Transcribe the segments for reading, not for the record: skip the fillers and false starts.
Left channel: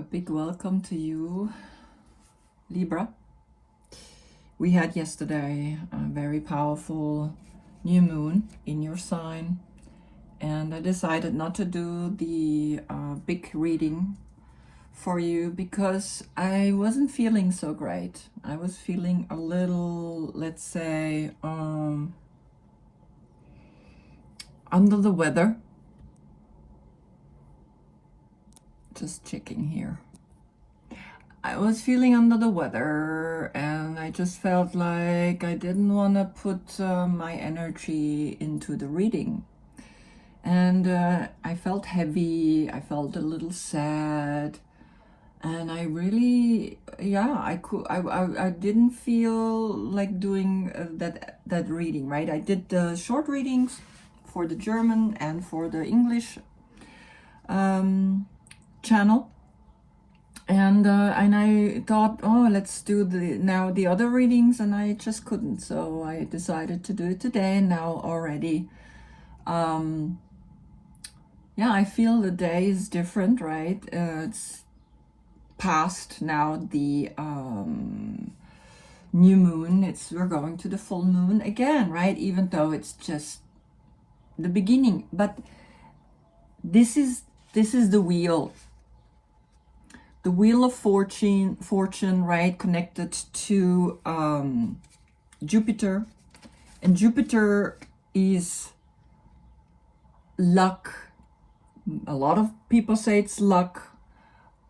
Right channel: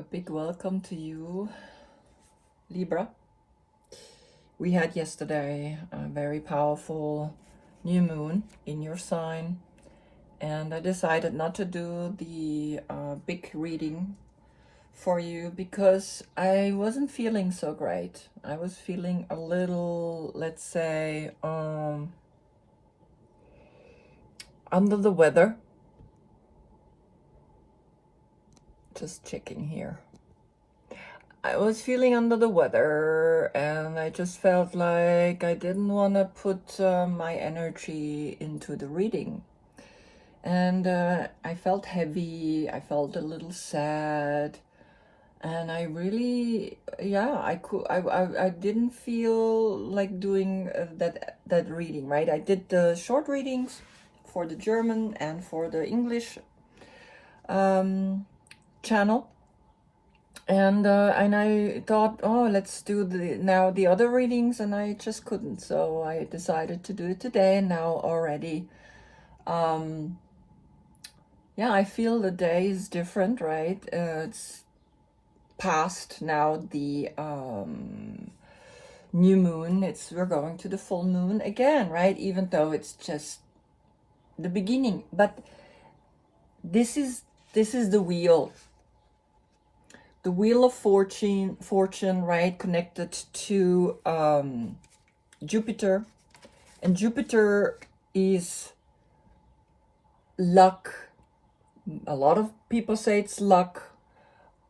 A big welcome to you, Libra. We had yesterday a very powerful new moon in your sign, and I decided not to do the big reading for you because I wasn't feeling so great. I was feeling a little, let's say, under the weather. Just checking here. I was feeling under the weather and I just felt like I didn't want to put my energy into the reading. And I felt heavy, I felt a little sad, and I really, I didn't feel like doing that reading, right? I did the short readings for the German and for the English channel. And I thought, oh, let's do the other readings, and I just couldn't. So I decided to do it today. And now already, I feel the day is different, right? It's past now the new moon. We're going to the full moon again, right? Even though it's just the beginning, but this is the wheel. The wheel of fortune, right, connected to Jupiter. And Jupiter is luck. A lot of people say it's luck,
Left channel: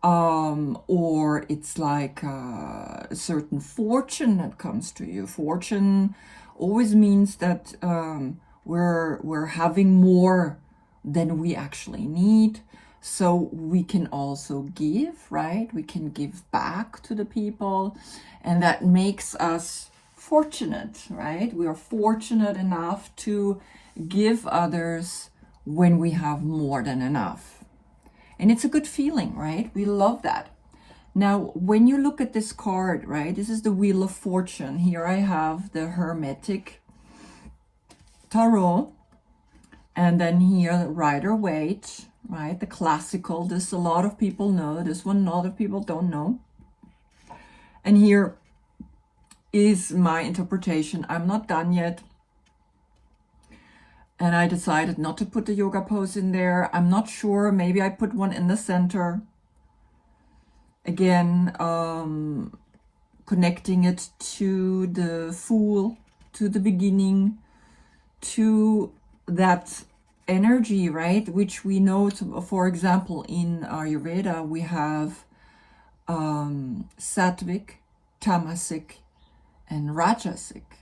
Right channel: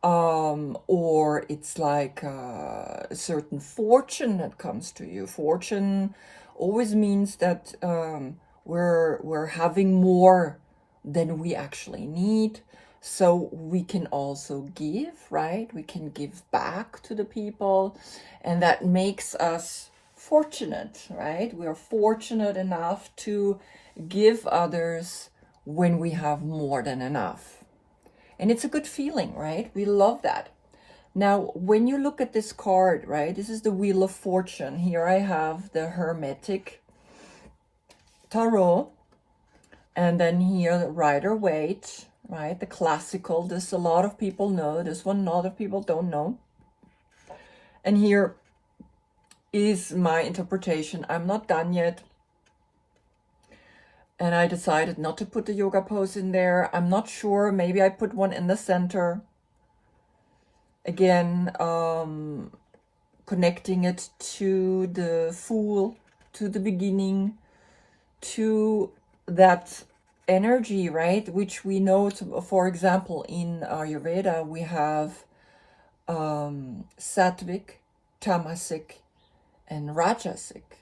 or it's like a certain fortune that comes to you. Fortune always means that we're having more than we actually need. So we can also give, right? We can give back to the people, and that makes us fortunate, right? We are fortunate enough to give others when we have more than enough. And it's a good feeling, right? We love that. Now, when you look at this card, right, this is the Wheel of Fortune. Here I have the Hermetic Tarot, and then here the Rider-Waite, right? The classical. This a lot of people know. This one a lot of people don't know. And here is my interpretation. I'm not done yet. And I decided not to put the yoga pose in there. I'm not sure. Maybe I put one in the center. Again, connecting it to the Fool, to the beginning, to that energy, right, which we know for example in Ayurveda we have Sattvic, Tamasic, and Rajasic,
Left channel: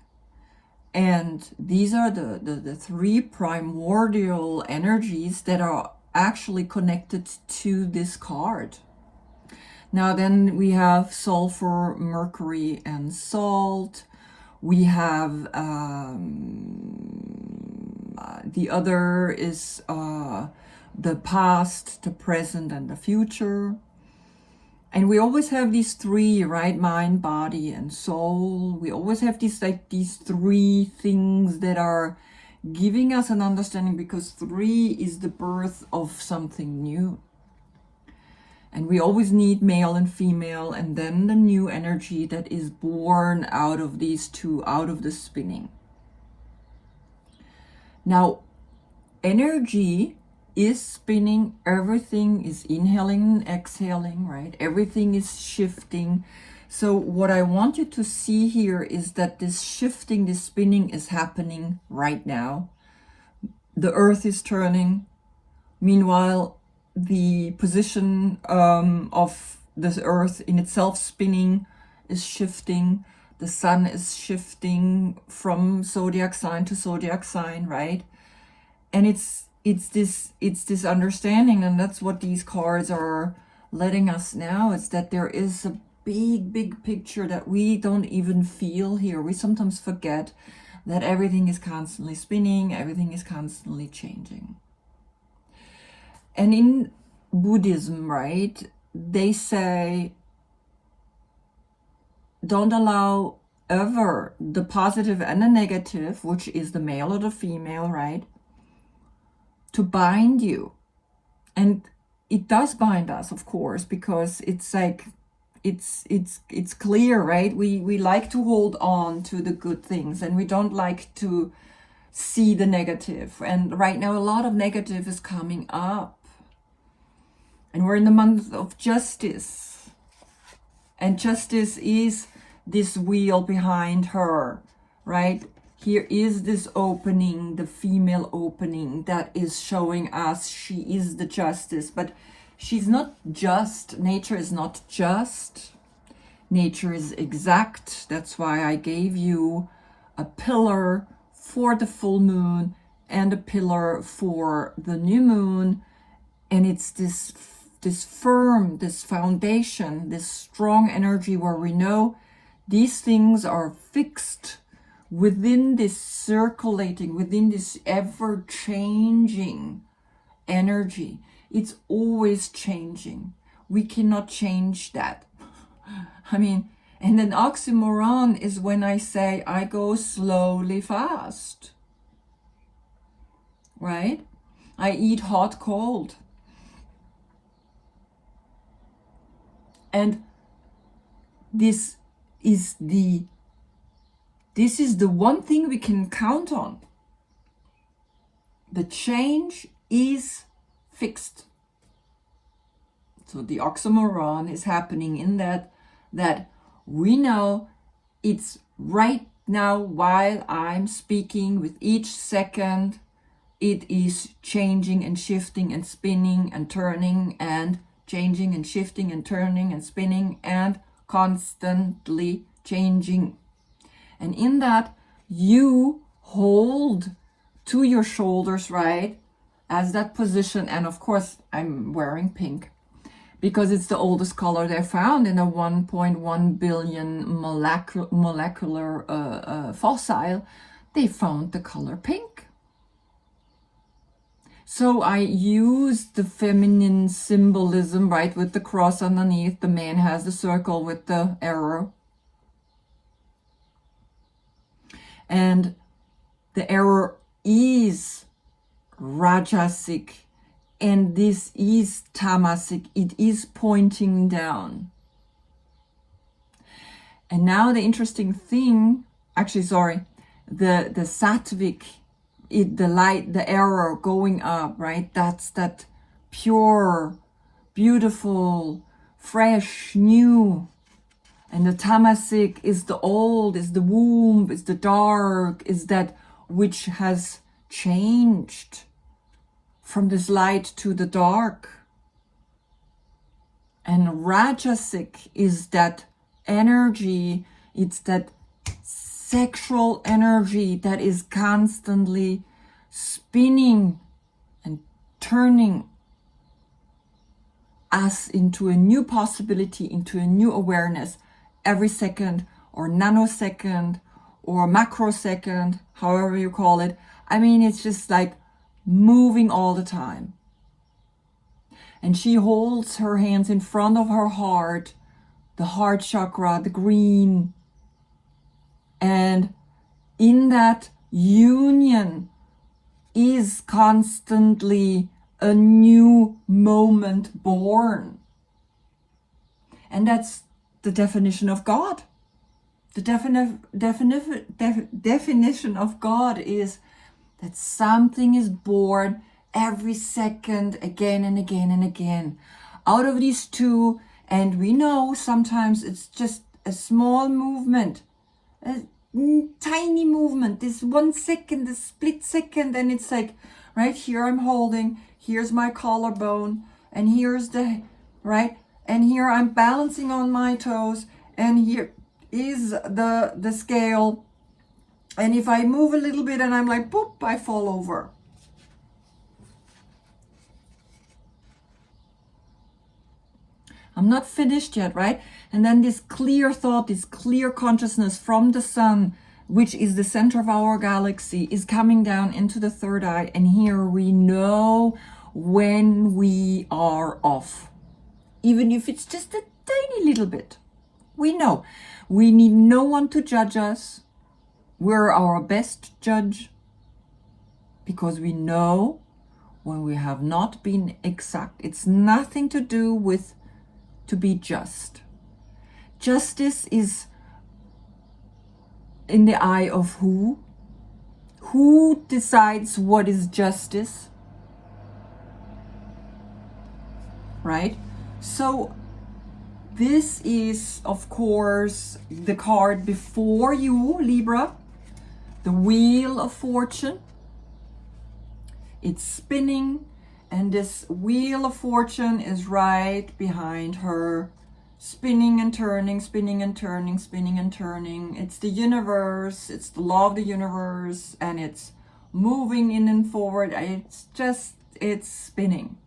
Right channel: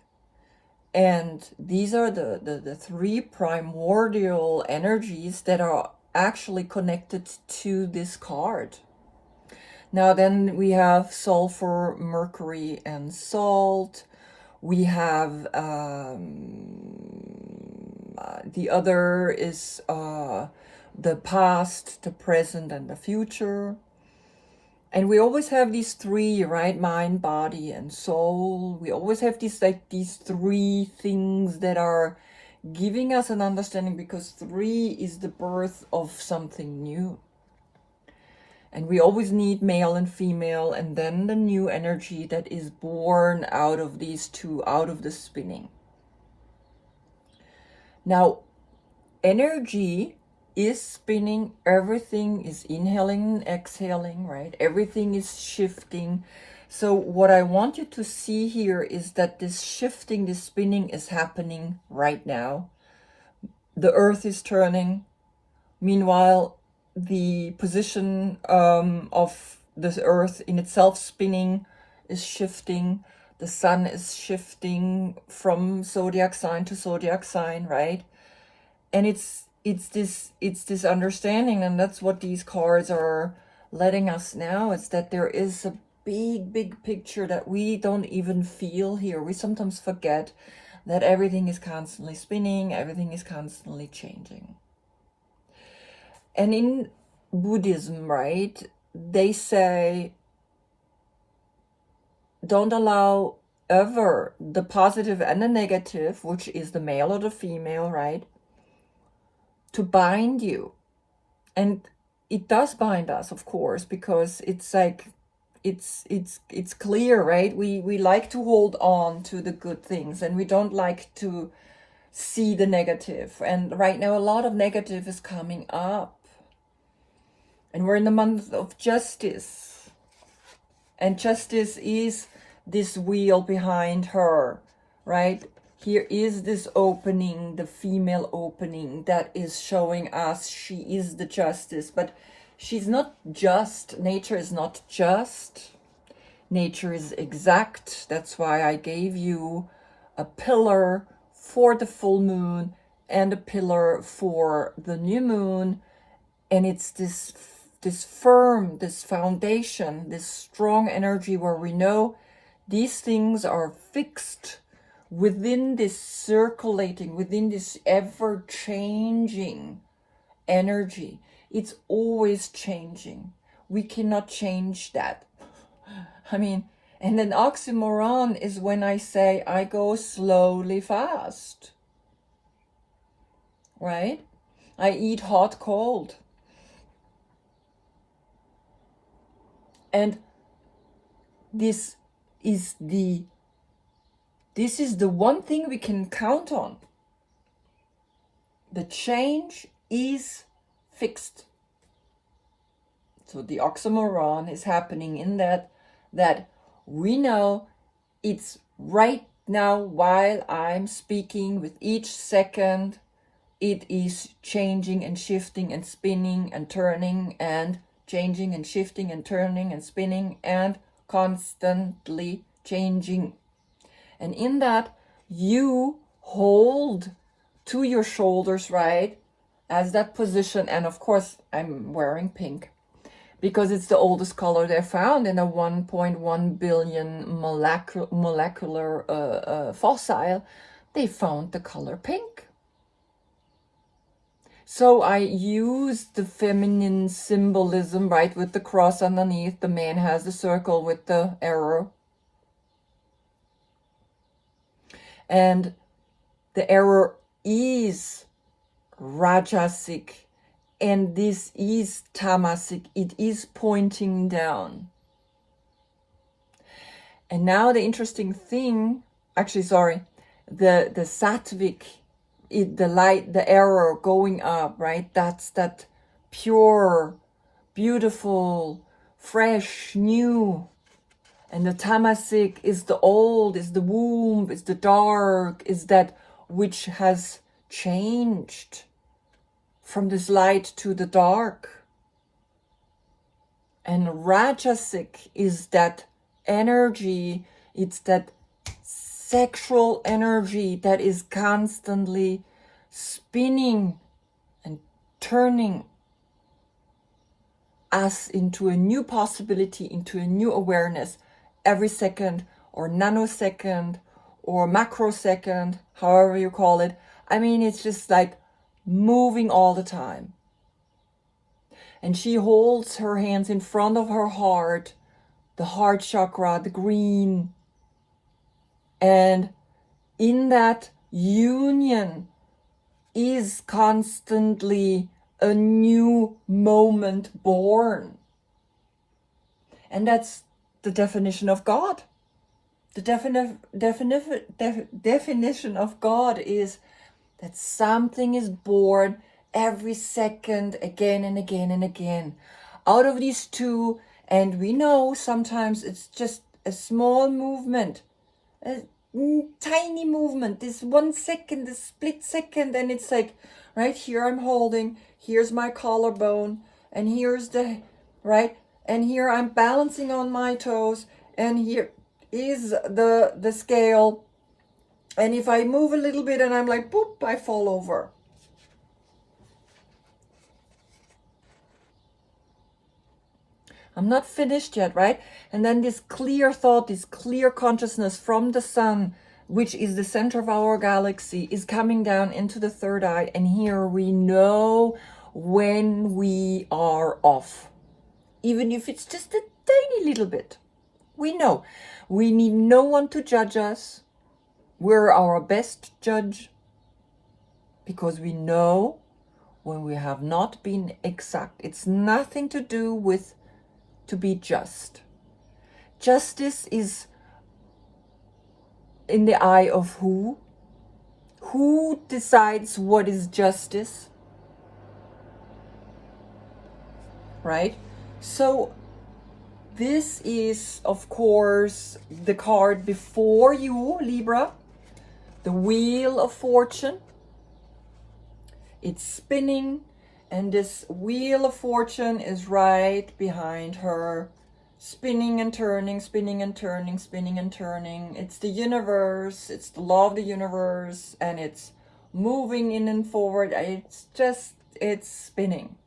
and these are the three primordial energies that are actually connected to this card. Now then we have sulfur, mercury, and salt. We have the other is the past, the present, and the future. And we always have these three, right? Mind, body, and soul. We always have these three things that are giving us an understanding, because three is the birth of something new. And we always need male and female, and then the new energy that is born out of these two, out of the spinning. Now, energy is spinning. Everything is inhaling and exhaling, right? Everything is shifting. So what I want you to see here is that this shifting, this spinning is happening right now. The earth is turning. Meanwhile, the position of the earth in itself spinning is shifting. The sun is shifting from zodiac sign to zodiac sign, right? And it's this understanding, and that's what these cards are letting us know. It's that there is a big picture that we don't even feel here. We sometimes forget that everything is constantly spinning, everything is constantly changing. And in Buddhism, right, they say, don't allow ever the positive and the negative, which is the male or the female, right, to bind you. And it does bind us, of course, because it's like, it's clear, right? We like to hold on to the good things, and we don't like to see the negative. And right now a lot of negative is coming up, and we're in the month of justice, and justice is this wheel behind her, right? Here is this opening, the female opening, that is showing us she is the justice, but she's not just. Nature is not just. Nature is exact. That's why I gave you a pillar for the full moon and a pillar for the new moon. And it's this firm, this foundation, this strong energy where we know these things are fixed within this circulating, within this ever-changing energy. It's always changing. We cannot change that. I mean, and an oxymoron is when I say I go slowly fast, right? I eat hot, cold. And this is the one thing we can count on. The change is fixed. So the oxymoron is happening in that we know it's right now while I'm speaking, with each second, it is changing and shifting and spinning and turning and changing and shifting and turning and spinning and constantly changing. And in that, you hold to your shoulders, right, as that position. And of course, I'm wearing pink because it's the oldest color they found in a 1.1 billion molecular fossil. They found the color pink. So I use the feminine symbolism, right, with the cross underneath. The man has the circle with the arrow. And the arrow is Rajasic, and this is Tamasic. It is pointing down. And now the interesting thing, actually, sorry, the Sattvic, the light, the arrow going up, right? That's that pure, beautiful, fresh, new. And the Tamasic is the old, is the womb, is the dark, is that which has changed from this light to the dark. And Rajasic is that energy, it's that sexual energy that is constantly spinning and turning us into a new possibility, into a new awareness every second, or nanosecond, or macrosecond, however you call it. I mean, it's just like moving all the time. And she holds her hands in front of her heart, the heart chakra, the green. And in that union is constantly a new moment born. And that's the definition of God. The definition of God is that something is born every second, again and again and again, out of these two. And we know sometimes it's just a small movement, a tiny movement, this 1 second, this split second, and it's like, right here I'm holding, here's my collarbone, and here's the, right, and here I'm balancing on my toes, and here is the scale, and if I move a little bit and I'm like, boop, I fall over. I'm not finished yet, right? And then this clear thought, this clear consciousness from the sun, which is the center of our galaxy, is coming down into the third eye. And here we know when we are off. Even if it's just a tiny little bit. We know. We need no one to judge us. We're our best judge. Because we know when we have not been exact. It's nothing to do with to be just. Justice is in the eye of who? Who decides what is justice? Right? So this is, of course, the card before you, Libra, the Wheel of Fortune. It's spinning, and this Wheel of Fortune is right behind her, spinning and turning, spinning and turning, spinning and turning. It's the universe, it's the law of the universe, and it's moving in and forward. It's spinning.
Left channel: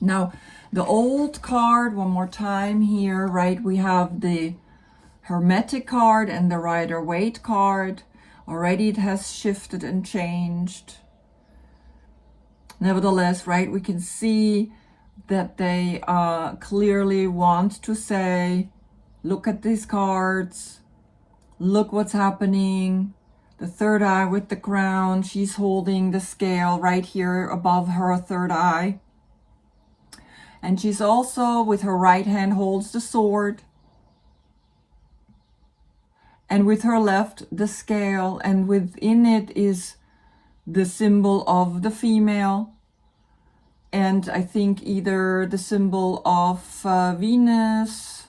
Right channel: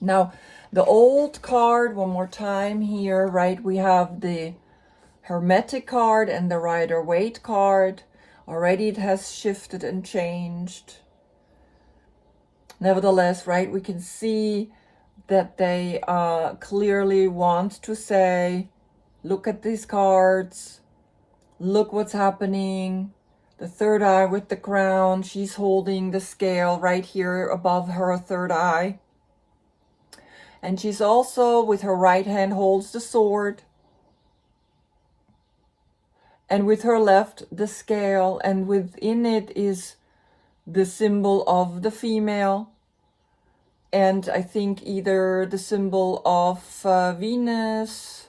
Now, the old card, one more time here, right? We have the Hermetic card and the Rider-Waite card. Already it has shifted and changed. Nevertheless, right, we can see that they clearly want to say, look at these cards, look what's happening. The third eye with the crown, she's holding the scale right here above her third eye. And she's also, with her right hand, holds the sword. And with her left, the scale. And within it is the symbol of the female. And I think either the symbol of Venus.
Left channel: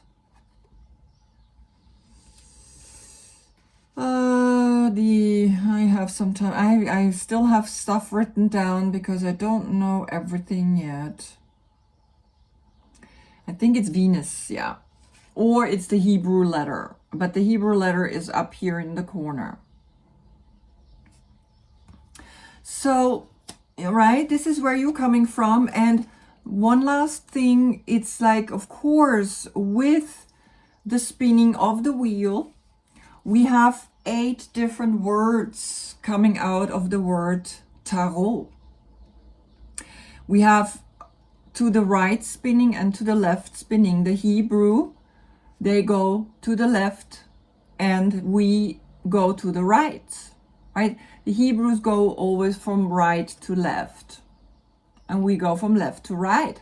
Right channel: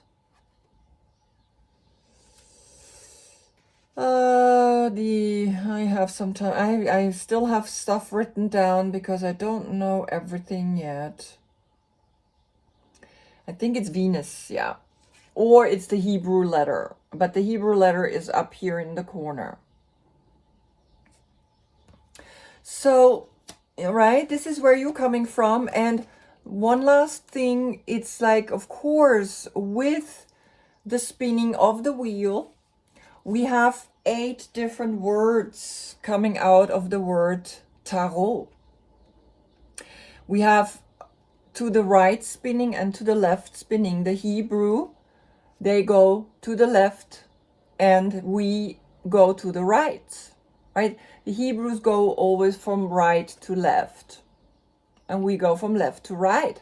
I have some time. I still have stuff written down because I don't know everything yet. I think it's Venus, yeah. Or it's the Hebrew letter. But the Hebrew letter is up here in the corner. So, right, this is where you're coming from. And one last thing, it's like, of course, with the spinning of the wheel, we have 8 different words coming out of the word tarot. We have to the right spinning and to the left spinning. The Hebrew, they go to the left and we go to the right, right? The Hebrews go always from right to left and we go from left to right.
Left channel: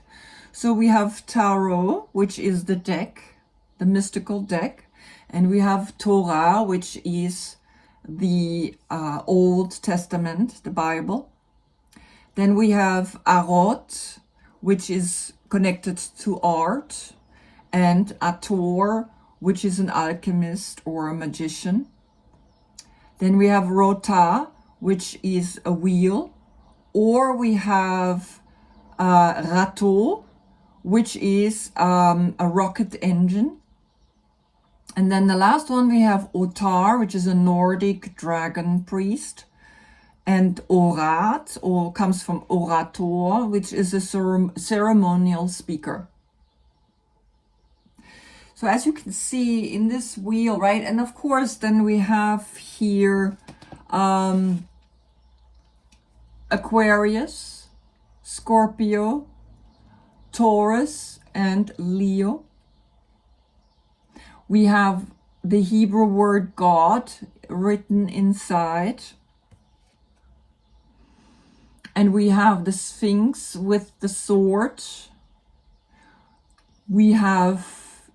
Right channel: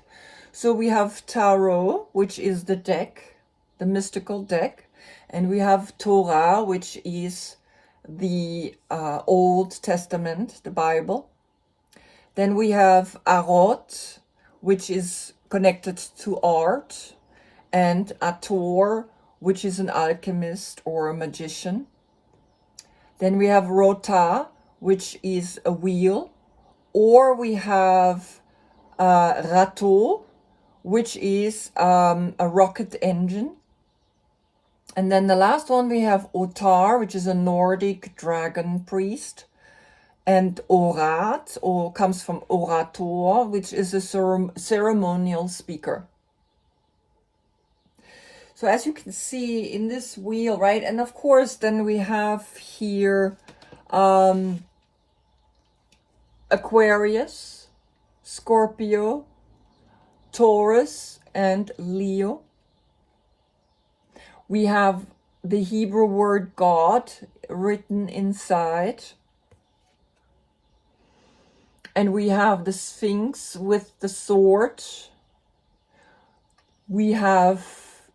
So we have tarot, which is the deck, the mystical deck, and we have Torah, which is the Old Testament, the Bible. Then we have Arot, which is connected to art, and Ator, which is an alchemist or a magician. Then we have Rota, which is a wheel, or we have Rato, which is a rocket engine. And then the last one we have Otar, which is a Nordic dragon priest. And Orat, or comes from orator, which is a ceremonial speaker. So as you can see in this wheel, right? And of course, then we have here Aquarius, Scorpio, Taurus, and Leo. We have the Hebrew word God written inside. And we have the Sphinx with the sword. We have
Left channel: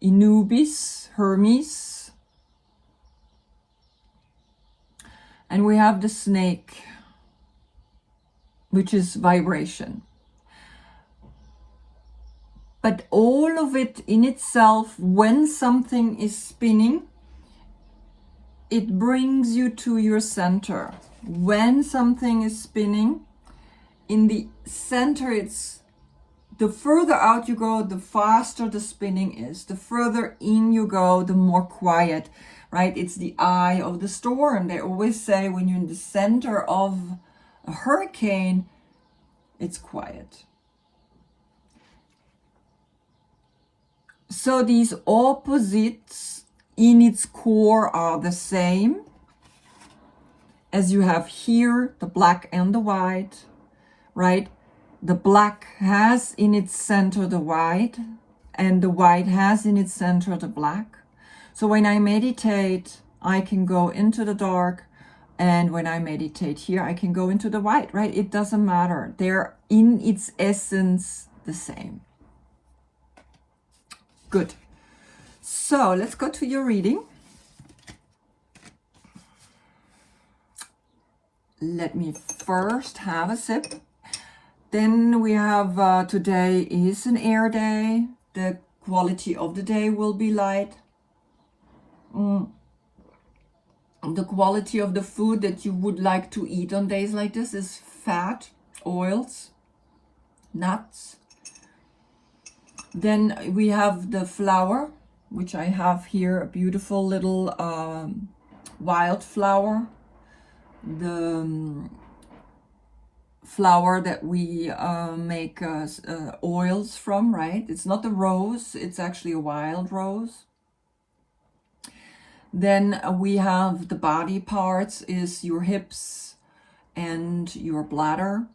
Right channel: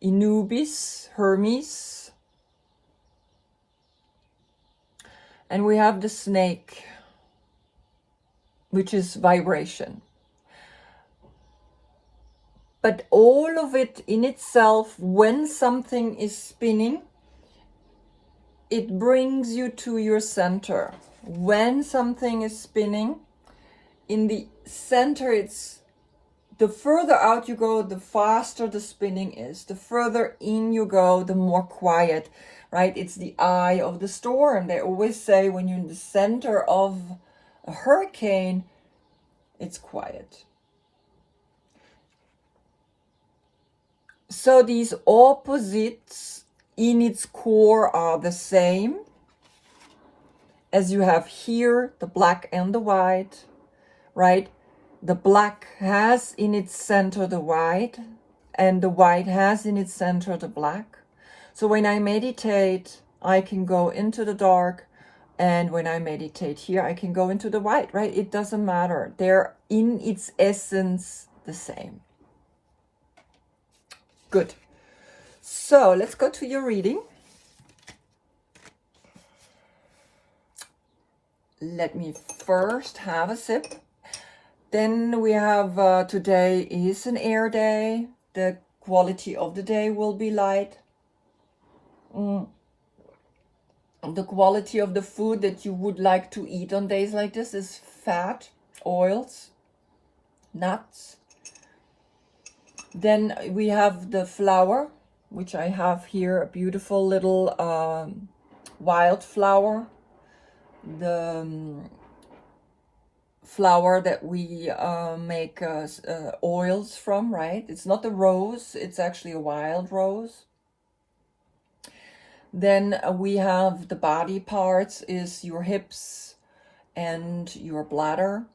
Anubis, Hermes. And we have the snake, which is vibration. But all of it in itself, when something is spinning, it brings you to your center. When something is spinning, in the center, it's the further out you go, the faster the spinning is. The further in you go, the more quiet, right? It's the eye of the storm. They always say when you're in the center of a hurricane, it's quiet. So these opposites in its core are the same. As you have here, the black and the white, right? The black has in its center the white, and the white has in its center the black. So when I meditate, I can go into the dark, And when I meditate here, I can go into the white, right? It doesn't matter. They're in its essence the same. Good. So let's go to your reading. Let me first have a sip. Then we have, today is an air day. The quality of the day will be light. The quality of the food that you would like to eat on days like this is fat, oils, nuts. Then we have the flower, which I have here, a beautiful little wild flower. The flower that we make oils from, right? It's not a rose, it's actually a wild rose. Then we have the body parts is your hips and your bladder.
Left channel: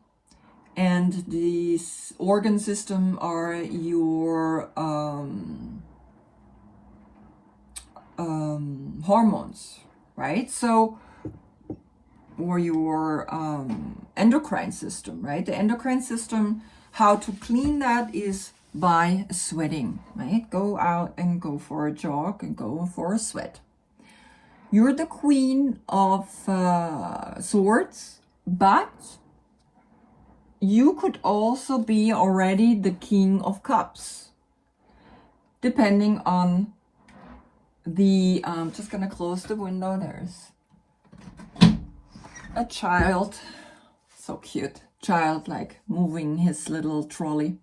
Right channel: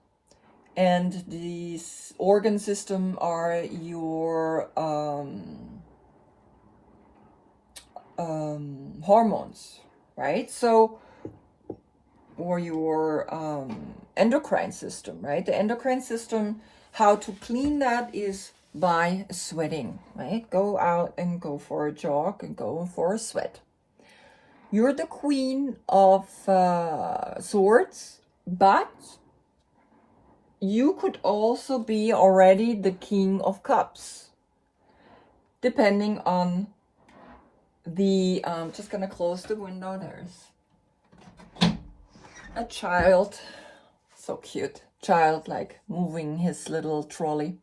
And the organ system are your hormones, right? So, or your endocrine system, right? The endocrine system, how to clean that is by sweating, right? Go out and go for a jog and go for a sweat. You're the queen of swords, but you could also be already the king of cups, depending on the, I'm just gonna close the window. There's a child, so cute, child like moving his little trolley.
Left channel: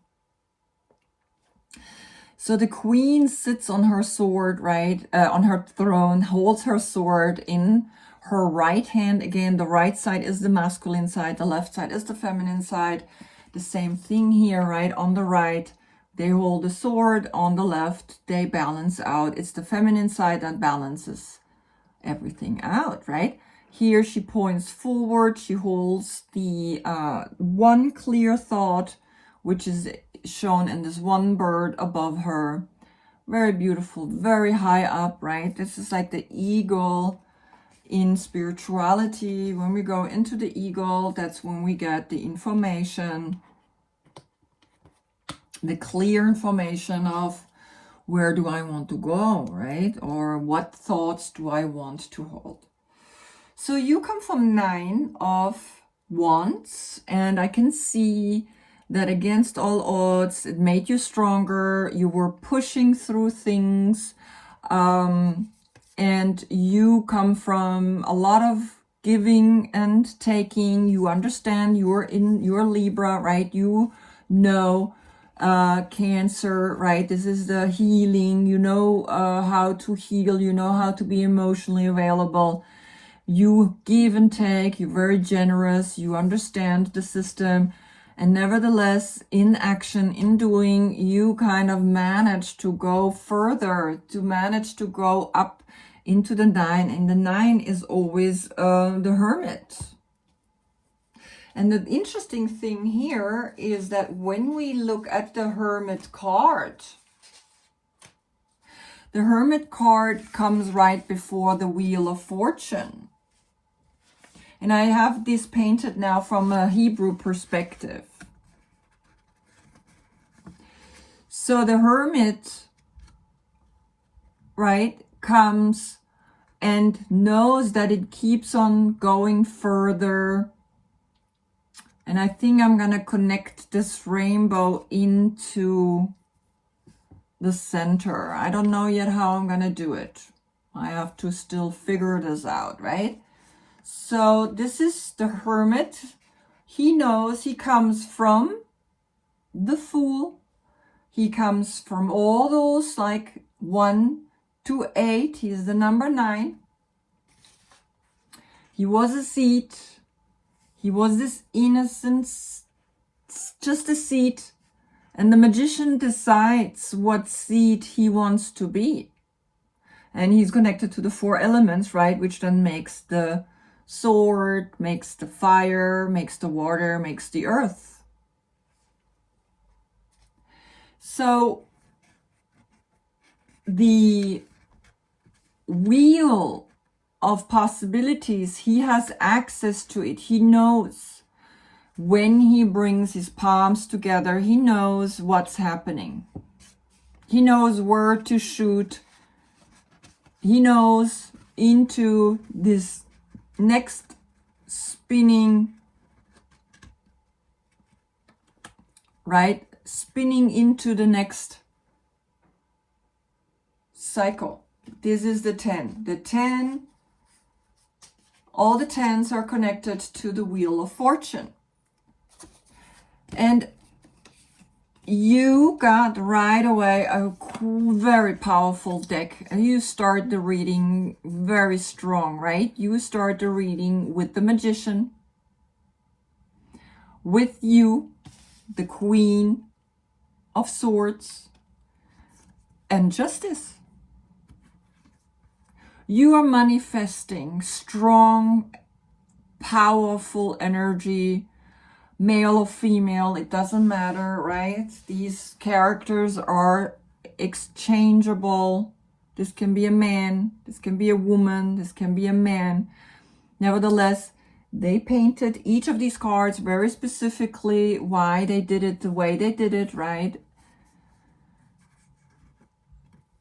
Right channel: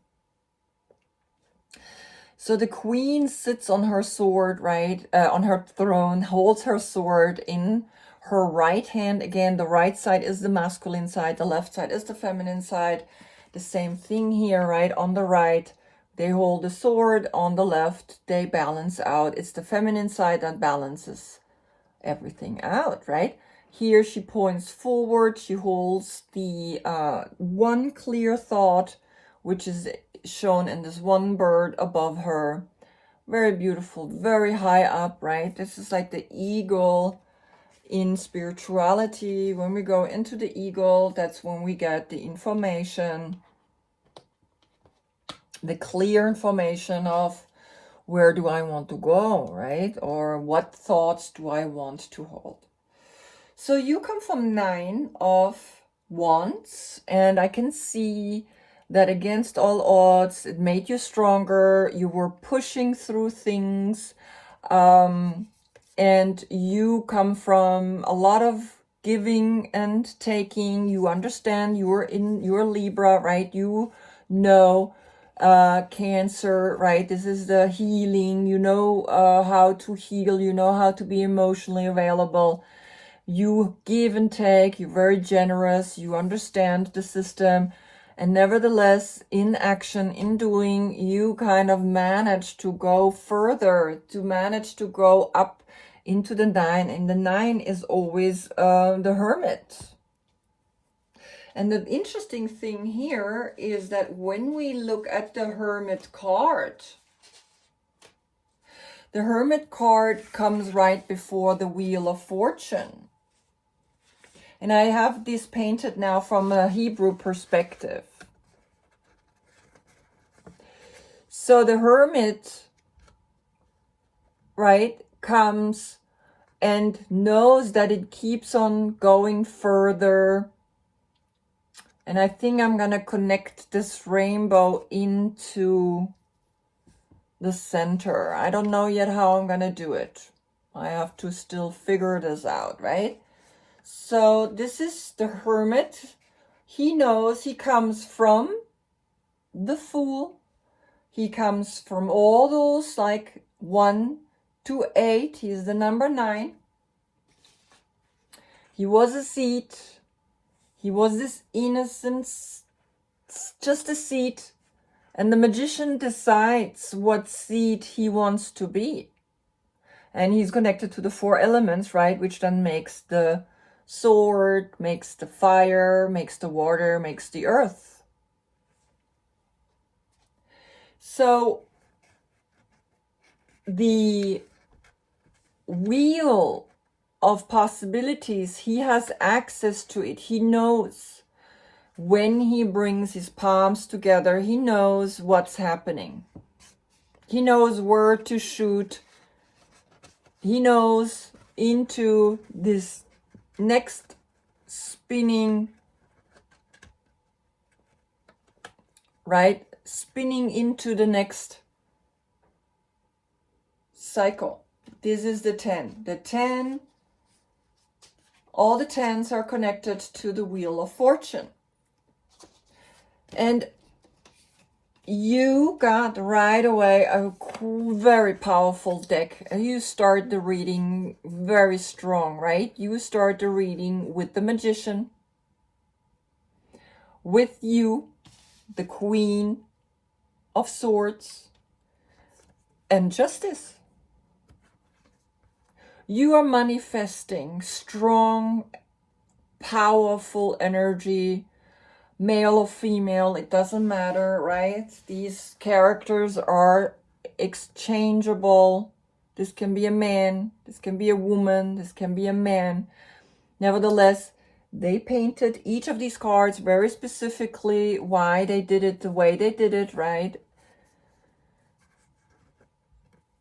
So the queen sits on her sword, right, on her throne, holds her sword in her right hand. Again, the right side is the masculine side, the left side is the feminine side. The same thing here, right? On the right, they hold the sword. On the left, they balance out. It's the feminine side that balances everything out, right? Here she points forward. She holds the one clear thought, which is shown in this one bird above her. Very beautiful, very high up, right? This is like the eagle in spirituality. When we go into the eagle, that's when we get the information, the clear information of where do I want to go, right? Or what thoughts do I want to hold? So you come from 9 of Wands, and I can see that against all odds, it made you stronger. You were pushing through things, and you come from a lot of giving and taking. You understand you're Libra, right? You know Cancer, right? This is the healing. You know how to heal. You know how to be emotionally available. You give and take. You're very generous. You understand the system. And nevertheless, in action, in doing, you kind of manage to go further, to manage to go up into the 9. And the 9 is always the Hermit. And the interesting thing here is that when we look at the Hermit card, the Hermit card comes right before the Wheel of Fortune. And I have this painted now from a Hebrew perspective. So the Hermit, right, comes and knows that it keeps on going further. And I think I'm going to connect this rainbow into the center. I don't know yet how I'm going to do it. I have to still figure this out, right? So this is the Hermit. He knows he comes from the Fool. He comes from all those like 1 to 8. He's the number 9. He was a seed. He was this innocence, just a seed. And the magician decides what seed he wants to be. And he's connected to the 4 elements, right? Which then makes the sword, makes the fire, makes the water, makes the earth. So the wheel of possibilities. He has access to it. He knows when he brings his palms together, he knows what's happening. He knows where to shoot. He knows into this next spinning, right? Spinning into the next cycle. This is the 10. The 10, all the 10s are connected to the Wheel of Fortune. And you got right away a very powerful deck. You start the reading very strong, right? You start the reading with the Magician, with you, the Queen of Swords, and Justice. You are manifesting strong, powerful energy, male or female, it doesn't matter, right? These characters are exchangeable. This can be a man, this can be a woman, this can be a man. Nevertheless, they painted each of these cards very specifically, why they did it the way they did it, right?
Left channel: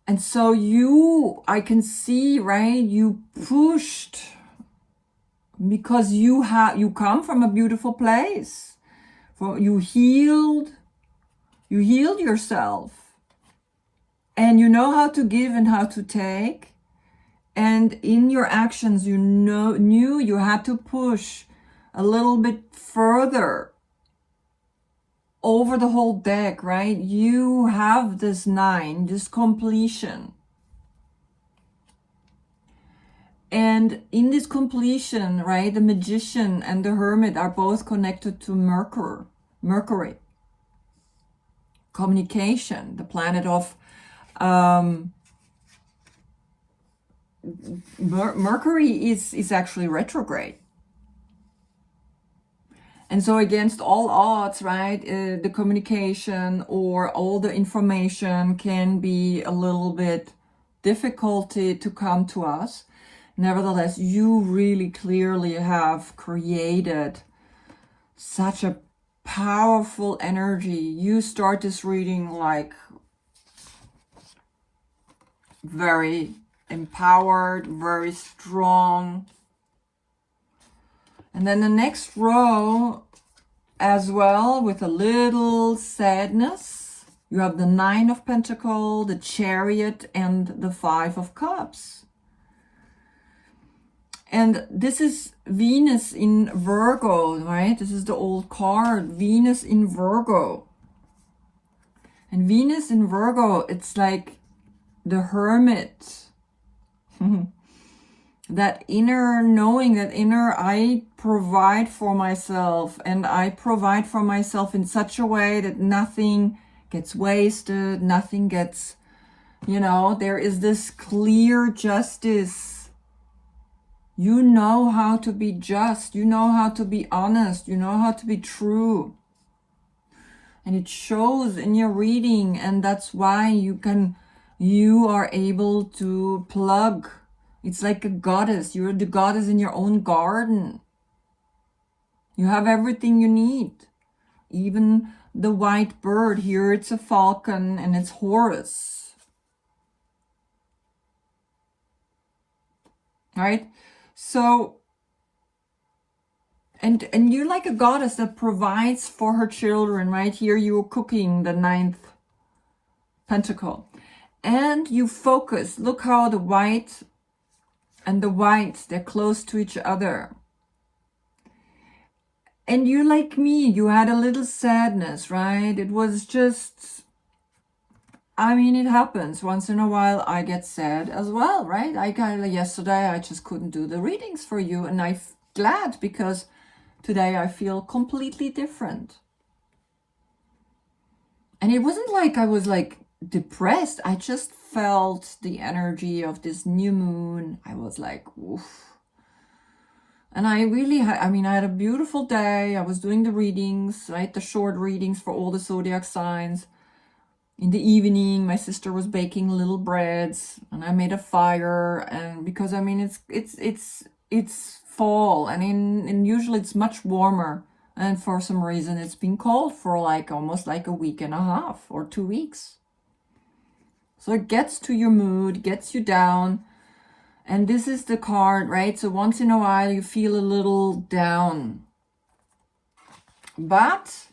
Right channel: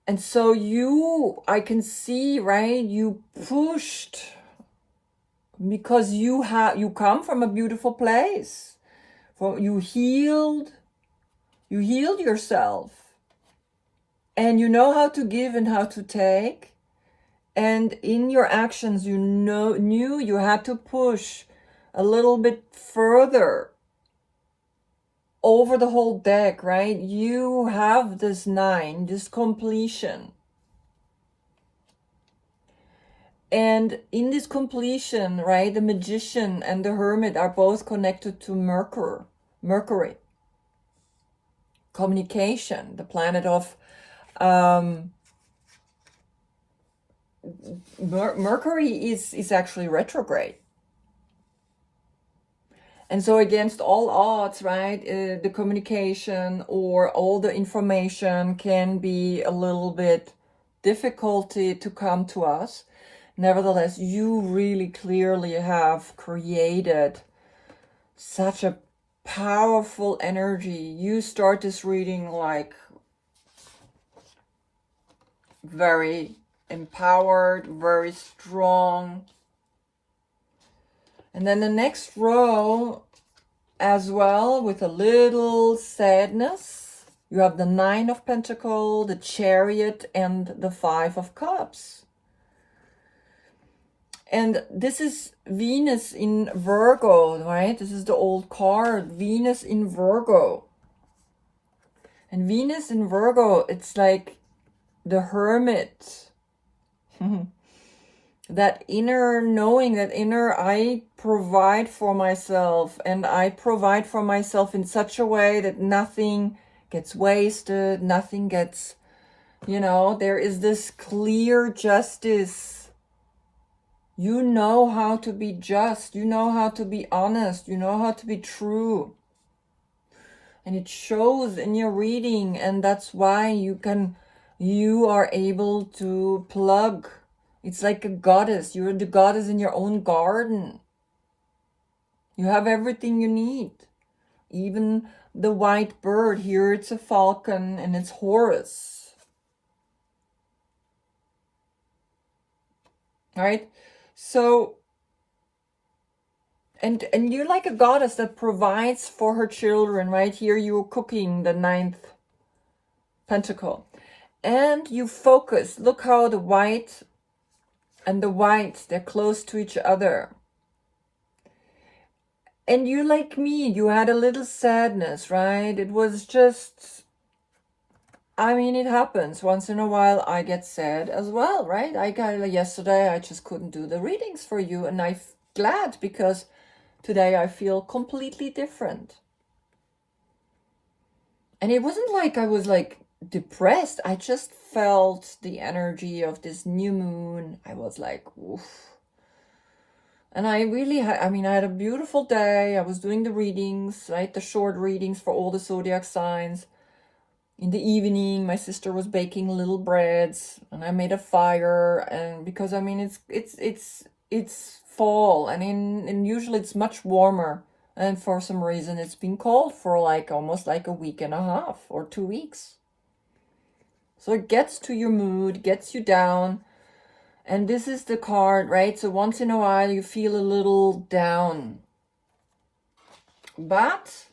And so I can see, right, you pushed because you come from a beautiful place. You healed yourself, and you know how to give and how to take. And in your actions, knew you had to push a little bit further over the whole deck, right? You have this 9, this completion. And in this completion, right, the Magician and the Hermit are both connected to Mercury. Communication, the planet of Mercury is actually retrograde. And so against all odds, right, the communication or all the information can be a little bit difficulty to come to us. Nevertheless, you really clearly have created such a powerful energy. You start this reading like very empowered, very strong. And then the next row as well, with a little sadness, you have the 9 of Pentacles, the Chariot, and the 5 of Cups. And this is Venus in Virgo, right? This is the old card, Venus in Virgo. And Venus in Virgo, it's like the Hermit. That inner knowing, that inner, I provide for myself, and I provide for myself in such a way that nothing gets wasted, nothing gets, there is this clear justice. You know how to be just, you know how to be honest, you know how to be true. And it shows in your reading, and that's why you are able to plug. It's like a goddess. You're the goddess in your own garden. You have everything you need. Even the white bird, here it's a falcon and it's Horus. Right? So, and you're like a goddess that provides for her children, right? Here you're cooking the 9th pentacle. And you focus. Look how the white and the whites, they're close to each other. And you, like me, you had a little sadness, right? It was just, it happens. Once in a while, I get sad as well, right? Yesterday, I just couldn't do the readings for you. And I'm glad, because today I feel completely different. And it wasn't like I was like depressed. I just felt the energy of this new moon. I was like, oof. And I really had, I had a beautiful day. I was doing the readings, right? The short readings for all the zodiac signs. in the evening, my sister was baking little breads, and I made a fire. And because I mean, it's fall, and usually it's much warmer. And for some reason, it's been cold for like almost like a week and a half or 2 weeks. So it gets to your mood, gets you down. And this is the card, right? So once in a while, you feel a little down. But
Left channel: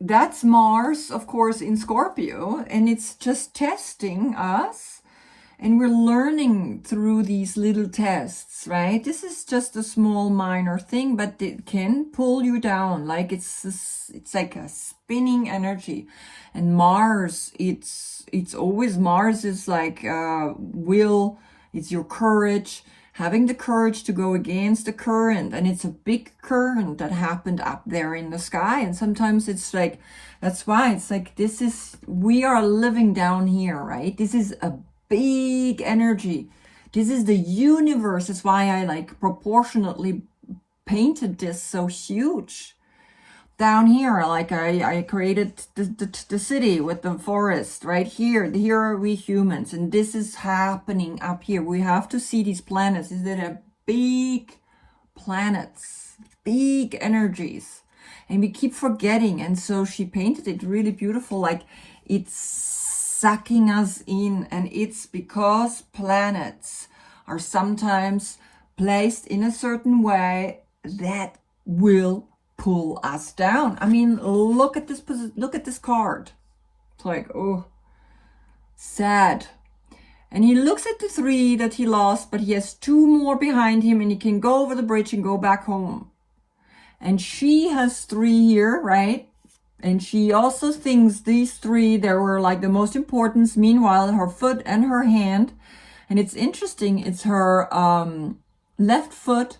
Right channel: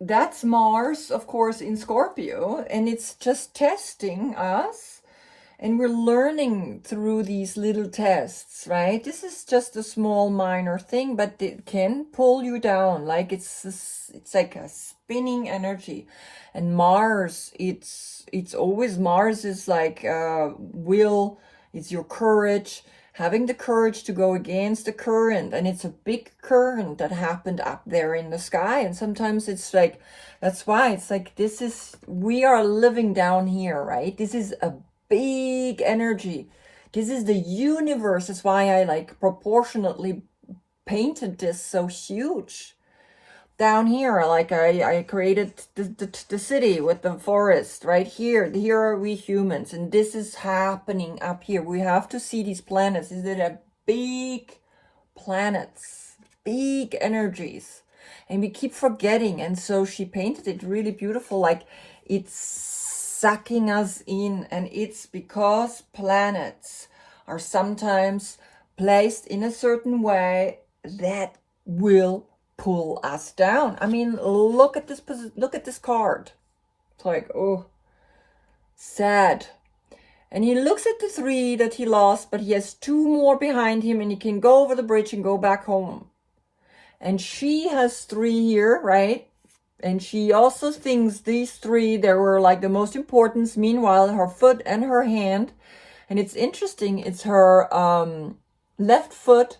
that's Mars, of course, in Scorpio. And it's just testing us. And we're learning through these little tests, right? This is just a small minor thing, but it can pull you down. Like it's like a spinning energy. And Mars, it's always, Mars is like will, it's your courage, having the courage to go against the current. And it's a big current that happened up there in the sky. And sometimes it's like, that's why it's like, we are living down here, right? This is a big energy. This is the universe. That's why I like proportionately painted this so huge. Down here, like I created the city with the forest right here. Here are we humans, and this is happening up here. We have to see these planets. Is it a big planets, big energies, and we keep forgetting. And so she painted it really beautiful, like it's sucking us in. And it's because planets are sometimes placed in a certain way that will pull us down. I mean, look at this card. It's like, oh, sad. And he looks at the 3 that he lost, but he has 2 more behind him, and he can go over the bridge and go back home. And she has 3 here, right? And she also thinks these 3, they were like the most important. Meanwhile, her foot and her hand. And it's interesting, it's her left foot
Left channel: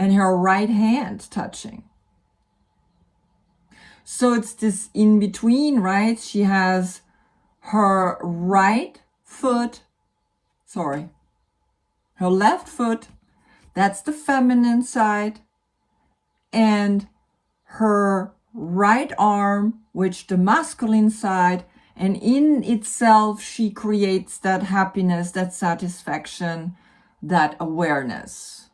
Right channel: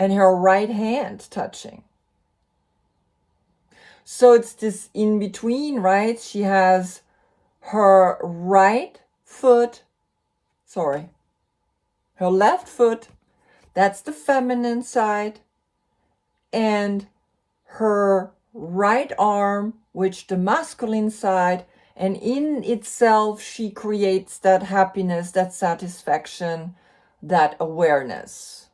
and her right hand touching. So it's this in between, right? She has her her left foot, that's the feminine side, and her right arm, which the masculine side, and in itself she creates that happiness, that satisfaction, that awareness.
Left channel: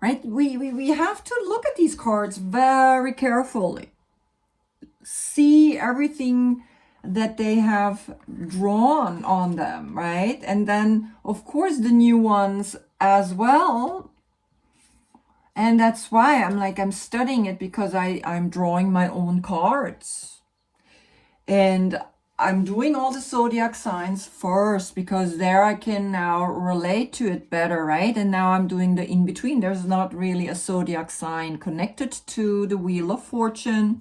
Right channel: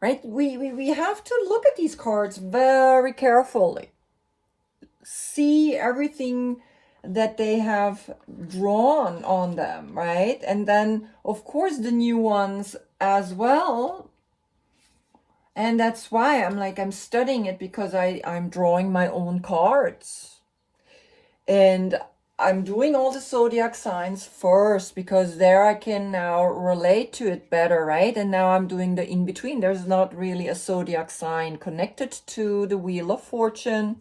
Right? We have to look at these cards very carefully. See everything that they have drawn on them, right? And then, of course, the new ones as well. And that's why I'm studying it, because I'm drawing my own cards. And I'm doing all the zodiac signs first, because there I can now relate to it better, right? And now I'm doing the in-between. There's not really a zodiac sign connected to the Wheel of Fortune,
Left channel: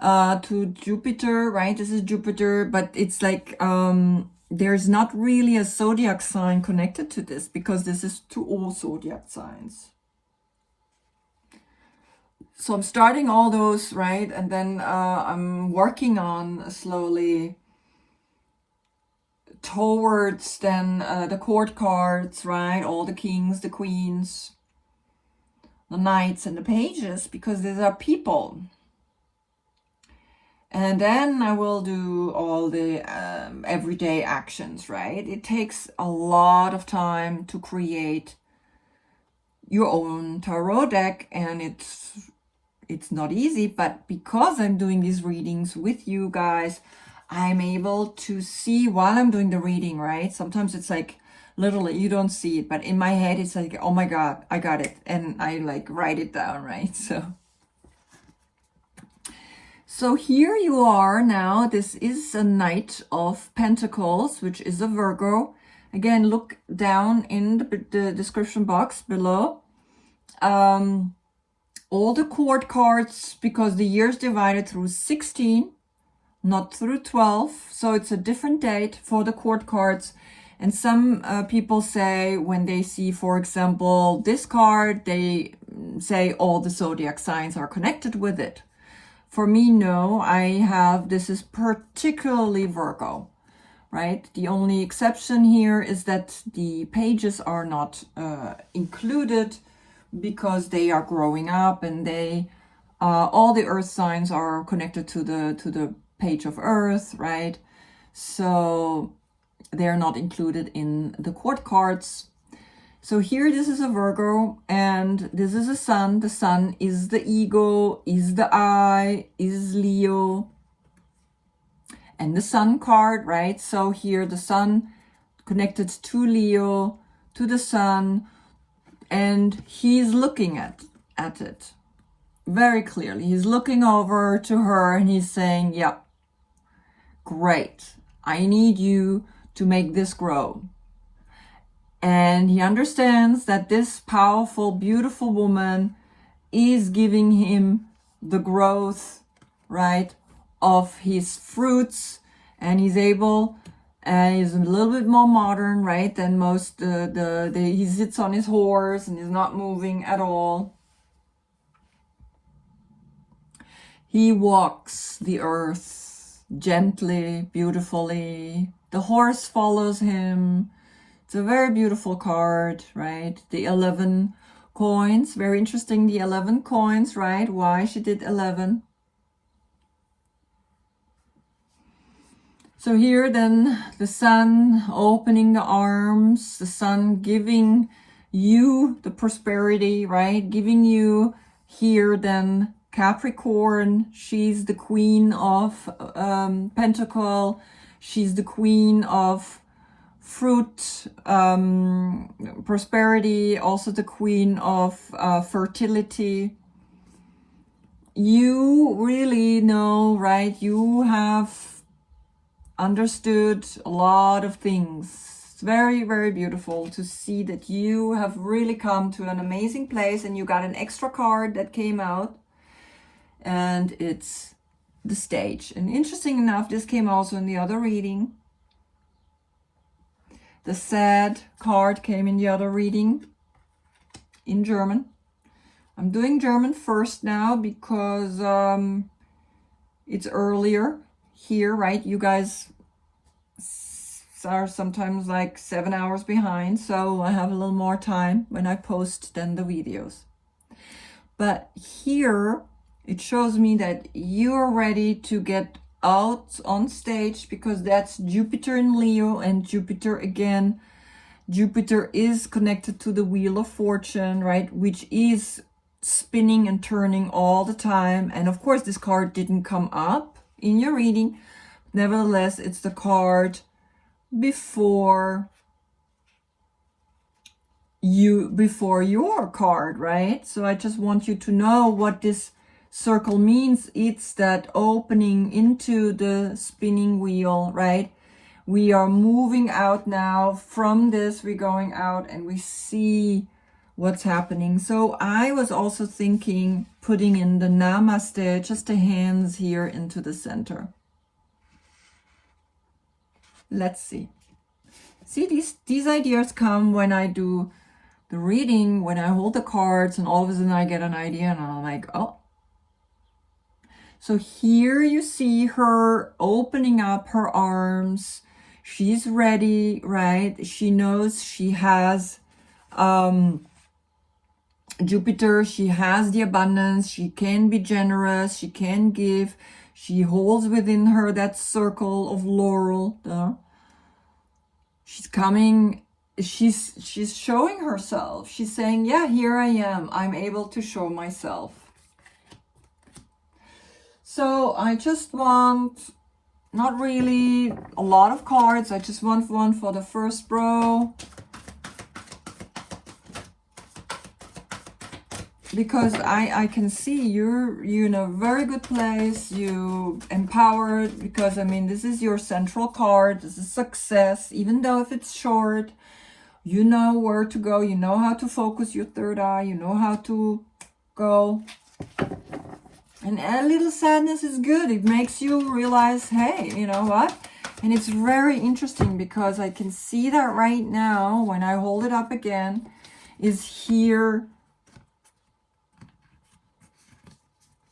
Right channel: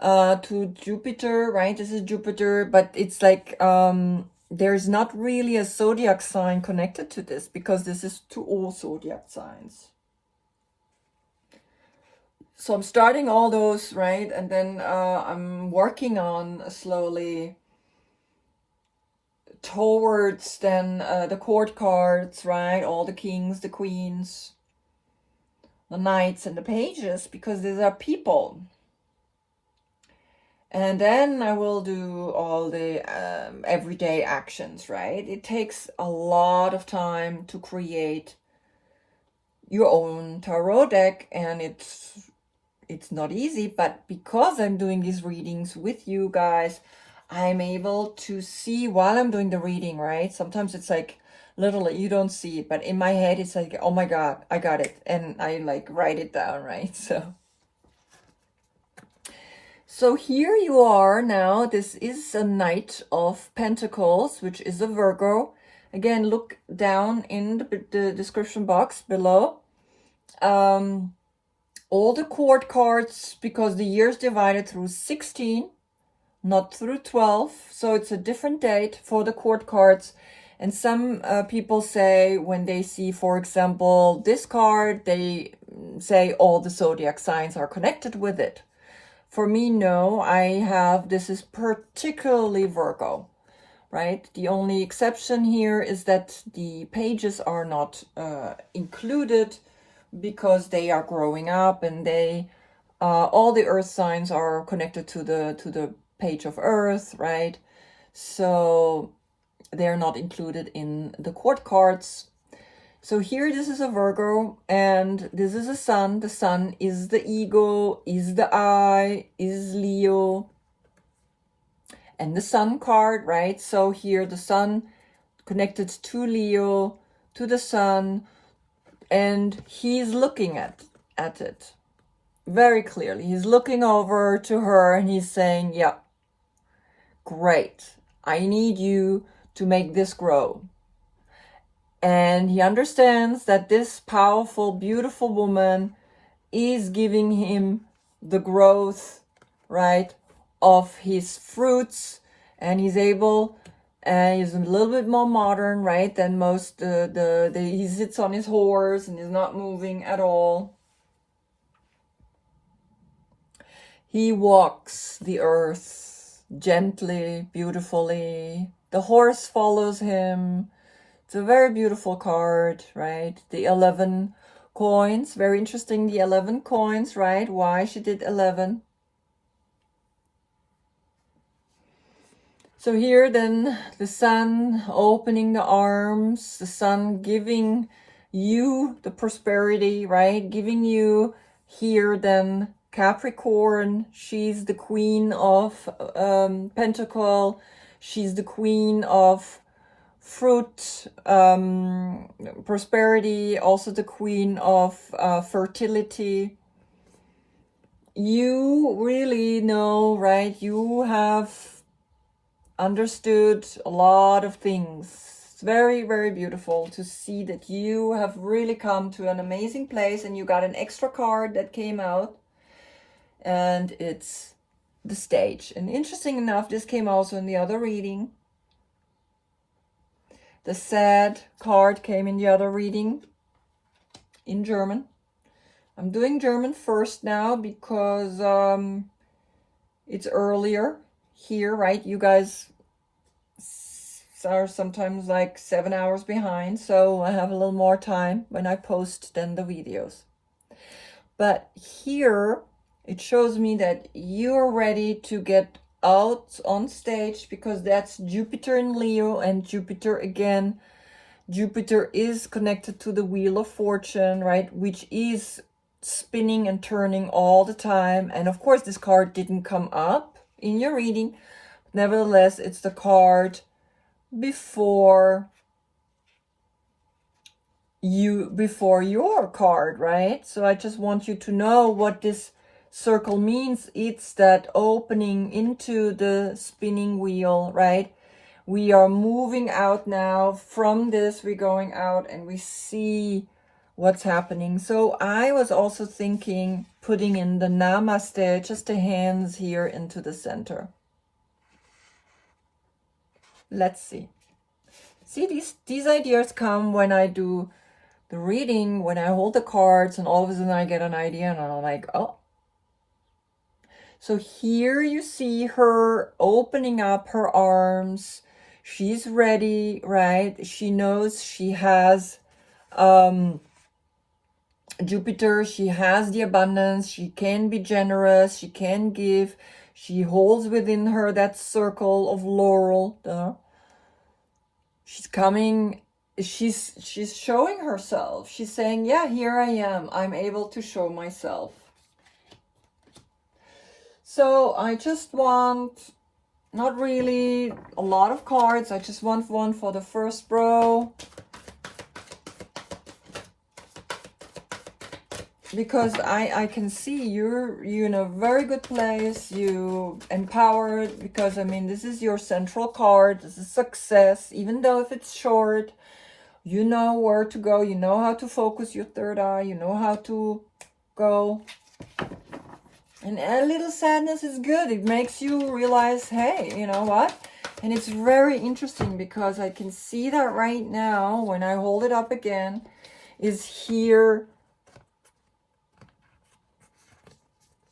to Jupiter, right? This is Jupiter, but it's like there's not really a zodiac sign connected to this, because this is to all zodiac signs. So I'm starting all those, right? And then I'm working on slowly towards then the court cards, right? All the kings, the queens, the knights, and the pages, because these are people. And then I will do all the everyday actions, right? It takes a lot of time to create your own tarot deck, and it's not easy, but because I'm doing these readings with you guys, I'm able to see while I'm doing the reading, right? Sometimes it's like, literally, you don't see it, but in my head, it's like, oh my God, I got it. And I like write it down, right? So here you are now. This is a Knight of Pentacles, which is a Virgo. Again, look down in the description box below. All the court cards, because the year is divided through 16, not through 12. So it's a different date for the court cards. And some people say when they see, for example, this card, they say all the zodiac signs are connected with it. For me, no, this is particularly Virgo, right? The only exception here is that the pages are not included, because they are growing up and they All the earth signs are connected to the page of earth, right? So they're not included in the court cards. So here, this is a Virgo, and this is a sun. The sun is the ego, is the I, is Leo, and the sun card, right? So here, the sun connected to Leo, to the sun, and he's looking at it very clearly. He's looking over to her and he's saying, yeah, great. I need you to make this grow. And he understands that this powerful, beautiful woman is giving him the growth, right, of his fruits. And he's able, and he's a little bit more modern, right, than most. He sits on his horse and is not moving at all. He walks the earth gently, beautifully. The horse follows him. It's a very beautiful card, right? The 11 coins, very interesting, the 11 coins, right? Why she did 11. So here then, the sun opening the arms, the sun giving you the prosperity, right? Giving you here then Capricorn. She's the queen of Pentacle. She's the queen of fruit, prosperity, also the queen of fertility. You really know, right? You have understood a lot of things. It's very, very beautiful to see that you have really come to an amazing place, and you got an extra card that came out, and it's the stage. And interesting enough, this came also in the other reading. The sad card came in the other reading in German. I'm doing German first now because it's earlier here, right? You guys are sometimes like 7 hours behind, so I have a little more time when I post than the videos. But here it shows me that you're ready to get out on stage, because that's Jupiter in Leo, and Jupiter again, Jupiter is connected to the Wheel of Fortune, right, which is spinning and turning all the time. And of course this card didn't come up in your reading, nevertheless it's the card before your card, right? So I just want you to know what this circle means. It's that opening into the spinning wheel, right? We are moving out now from this. We're going out and we see what's happening. So I was also thinking putting in the namaste, just the hands here into the center. Let's see. See, these ideas come when I do the reading, when I hold the cards, and all of a sudden I get an idea and I'm like, oh. So here you see her opening up her arms. She's ready, right? She knows she has Jupiter. She has the abundance. She can be generous. She can give. She holds within her that circle of laurel. She's coming. She's showing herself. She's saying, yeah, here I am. I'm able to show myself. So I just want, not really a lot of cards. I just want one for the first row, because I can see you're in a very good place. You empowered, because I mean, this is your central card. This is success, even though if it's short, you know where to go. You know how to focus your third eye. You know how to go. And a little sadness is good. It makes you realize, hey, you know what? And it's very interesting because I can see that right now when I hold it up again, is here.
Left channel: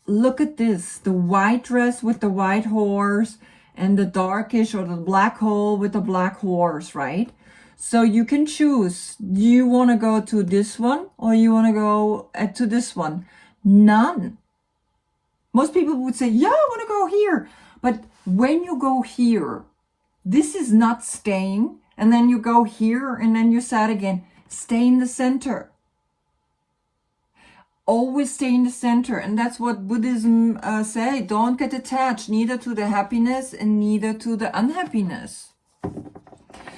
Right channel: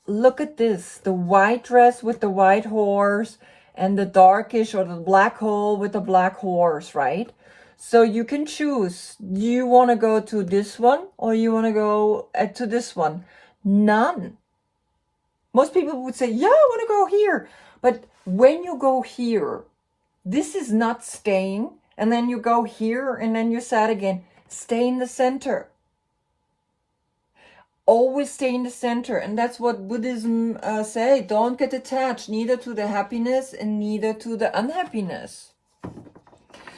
Look at this, the white dress with the white horse and the darkish or the black hole with the black horse, right? So you can choose. Do you want to go to this one or you want to go to this one? None. Most people would say, yeah, I want to go here. But when you go here, this is not staying. And then you go here and then you're sad again. Stay in the center. Always stay in the center. And that's what Buddhism say. Don't get attached neither to the happiness and neither to the unhappiness.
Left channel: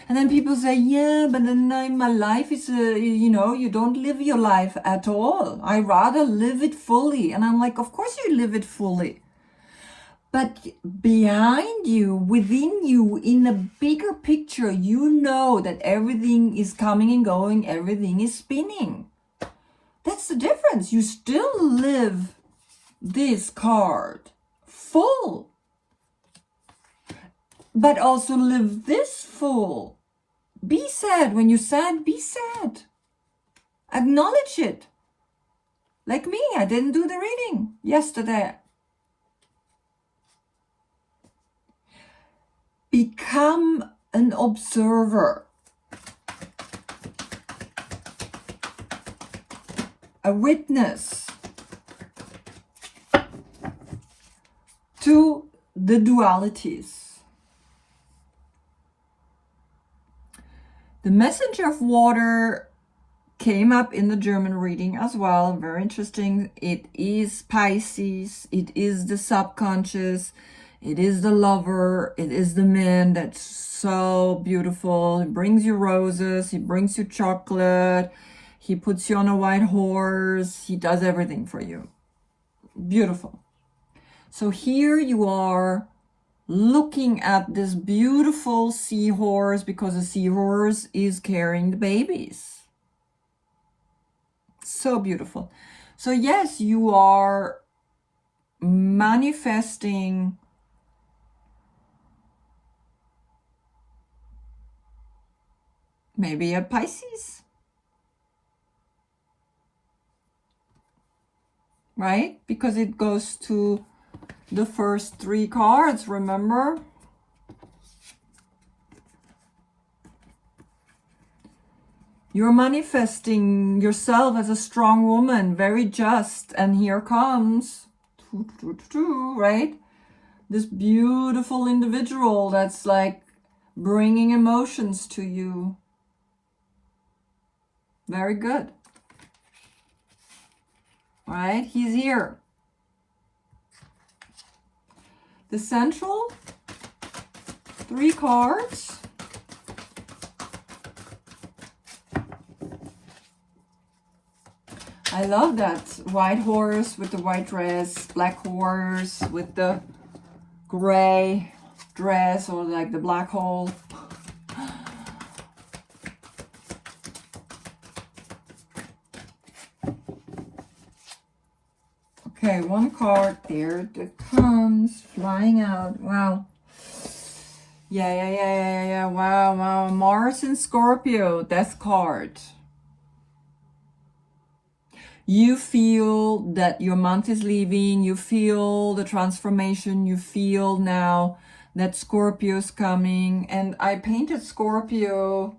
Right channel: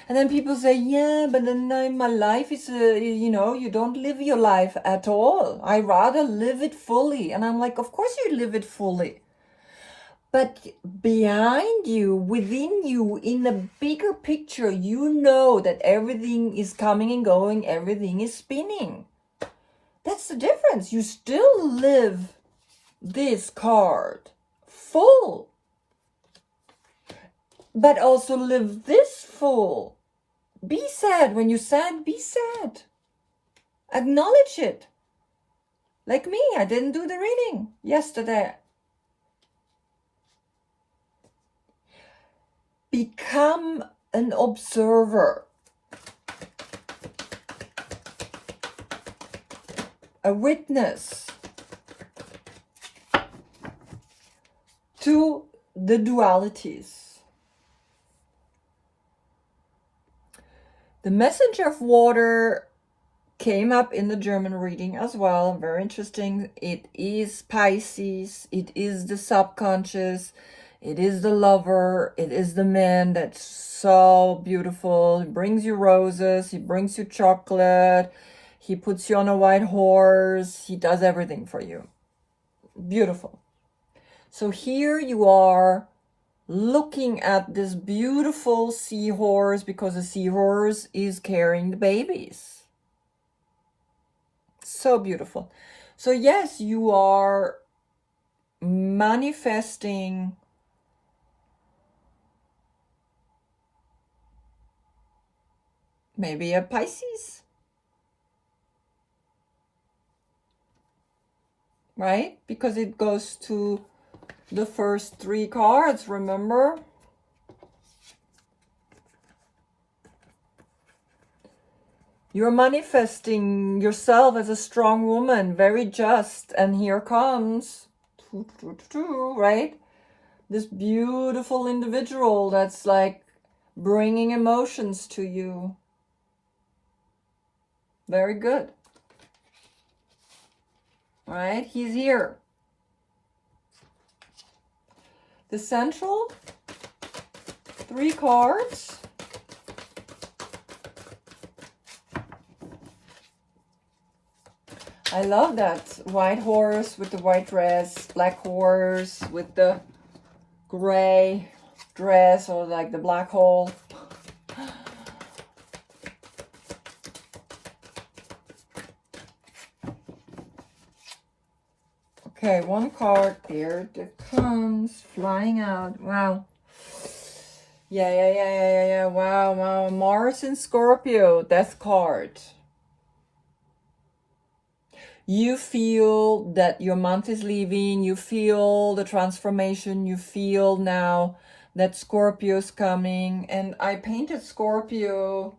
And then people say, yeah, but then my life is, you don't live your life at all. I rather live it fully. And I'm like, of course you live it fully. But behind you, within you, in the bigger picture, you know that everything is coming and going, everything is spinning. That's the difference. You still live this card full, but also live this full. Be sad. When you're sad, be sad. Acknowledge it. Like me, I didn't do the reading yesterday. Become an observer. A witness to the dualities. The message of water came up in the German reading as well. Very interesting. It is Pisces. It is the subconscious. It is the lover. It is the man that's so beautiful. He brings you roses. He brings you chocolate. He puts you on a white horse. He does everything for you. Beautiful. So here you are looking at this beautiful seahorse, because the seahorse is carrying the babies. So beautiful. So yes, you are manifesting maybe a Pisces, right? Because it goes to the first 3 cards, remember? You're manifesting yourself as a strong woman, very just. And here comes, right? This beautiful individual that's like bringing emotions to you. Very good. Right? He's here. The central 3 cards. I love that white horse with the white dress, black horse with the gray dress, or like the black hole. Okay, 1 card, there it comes, flying out. Wow. Yeah. Wow. Mars in Scorpio, death card. You feel that your month is leaving. You feel the transformation. You feel now that Scorpio's coming. And I painted Scorpio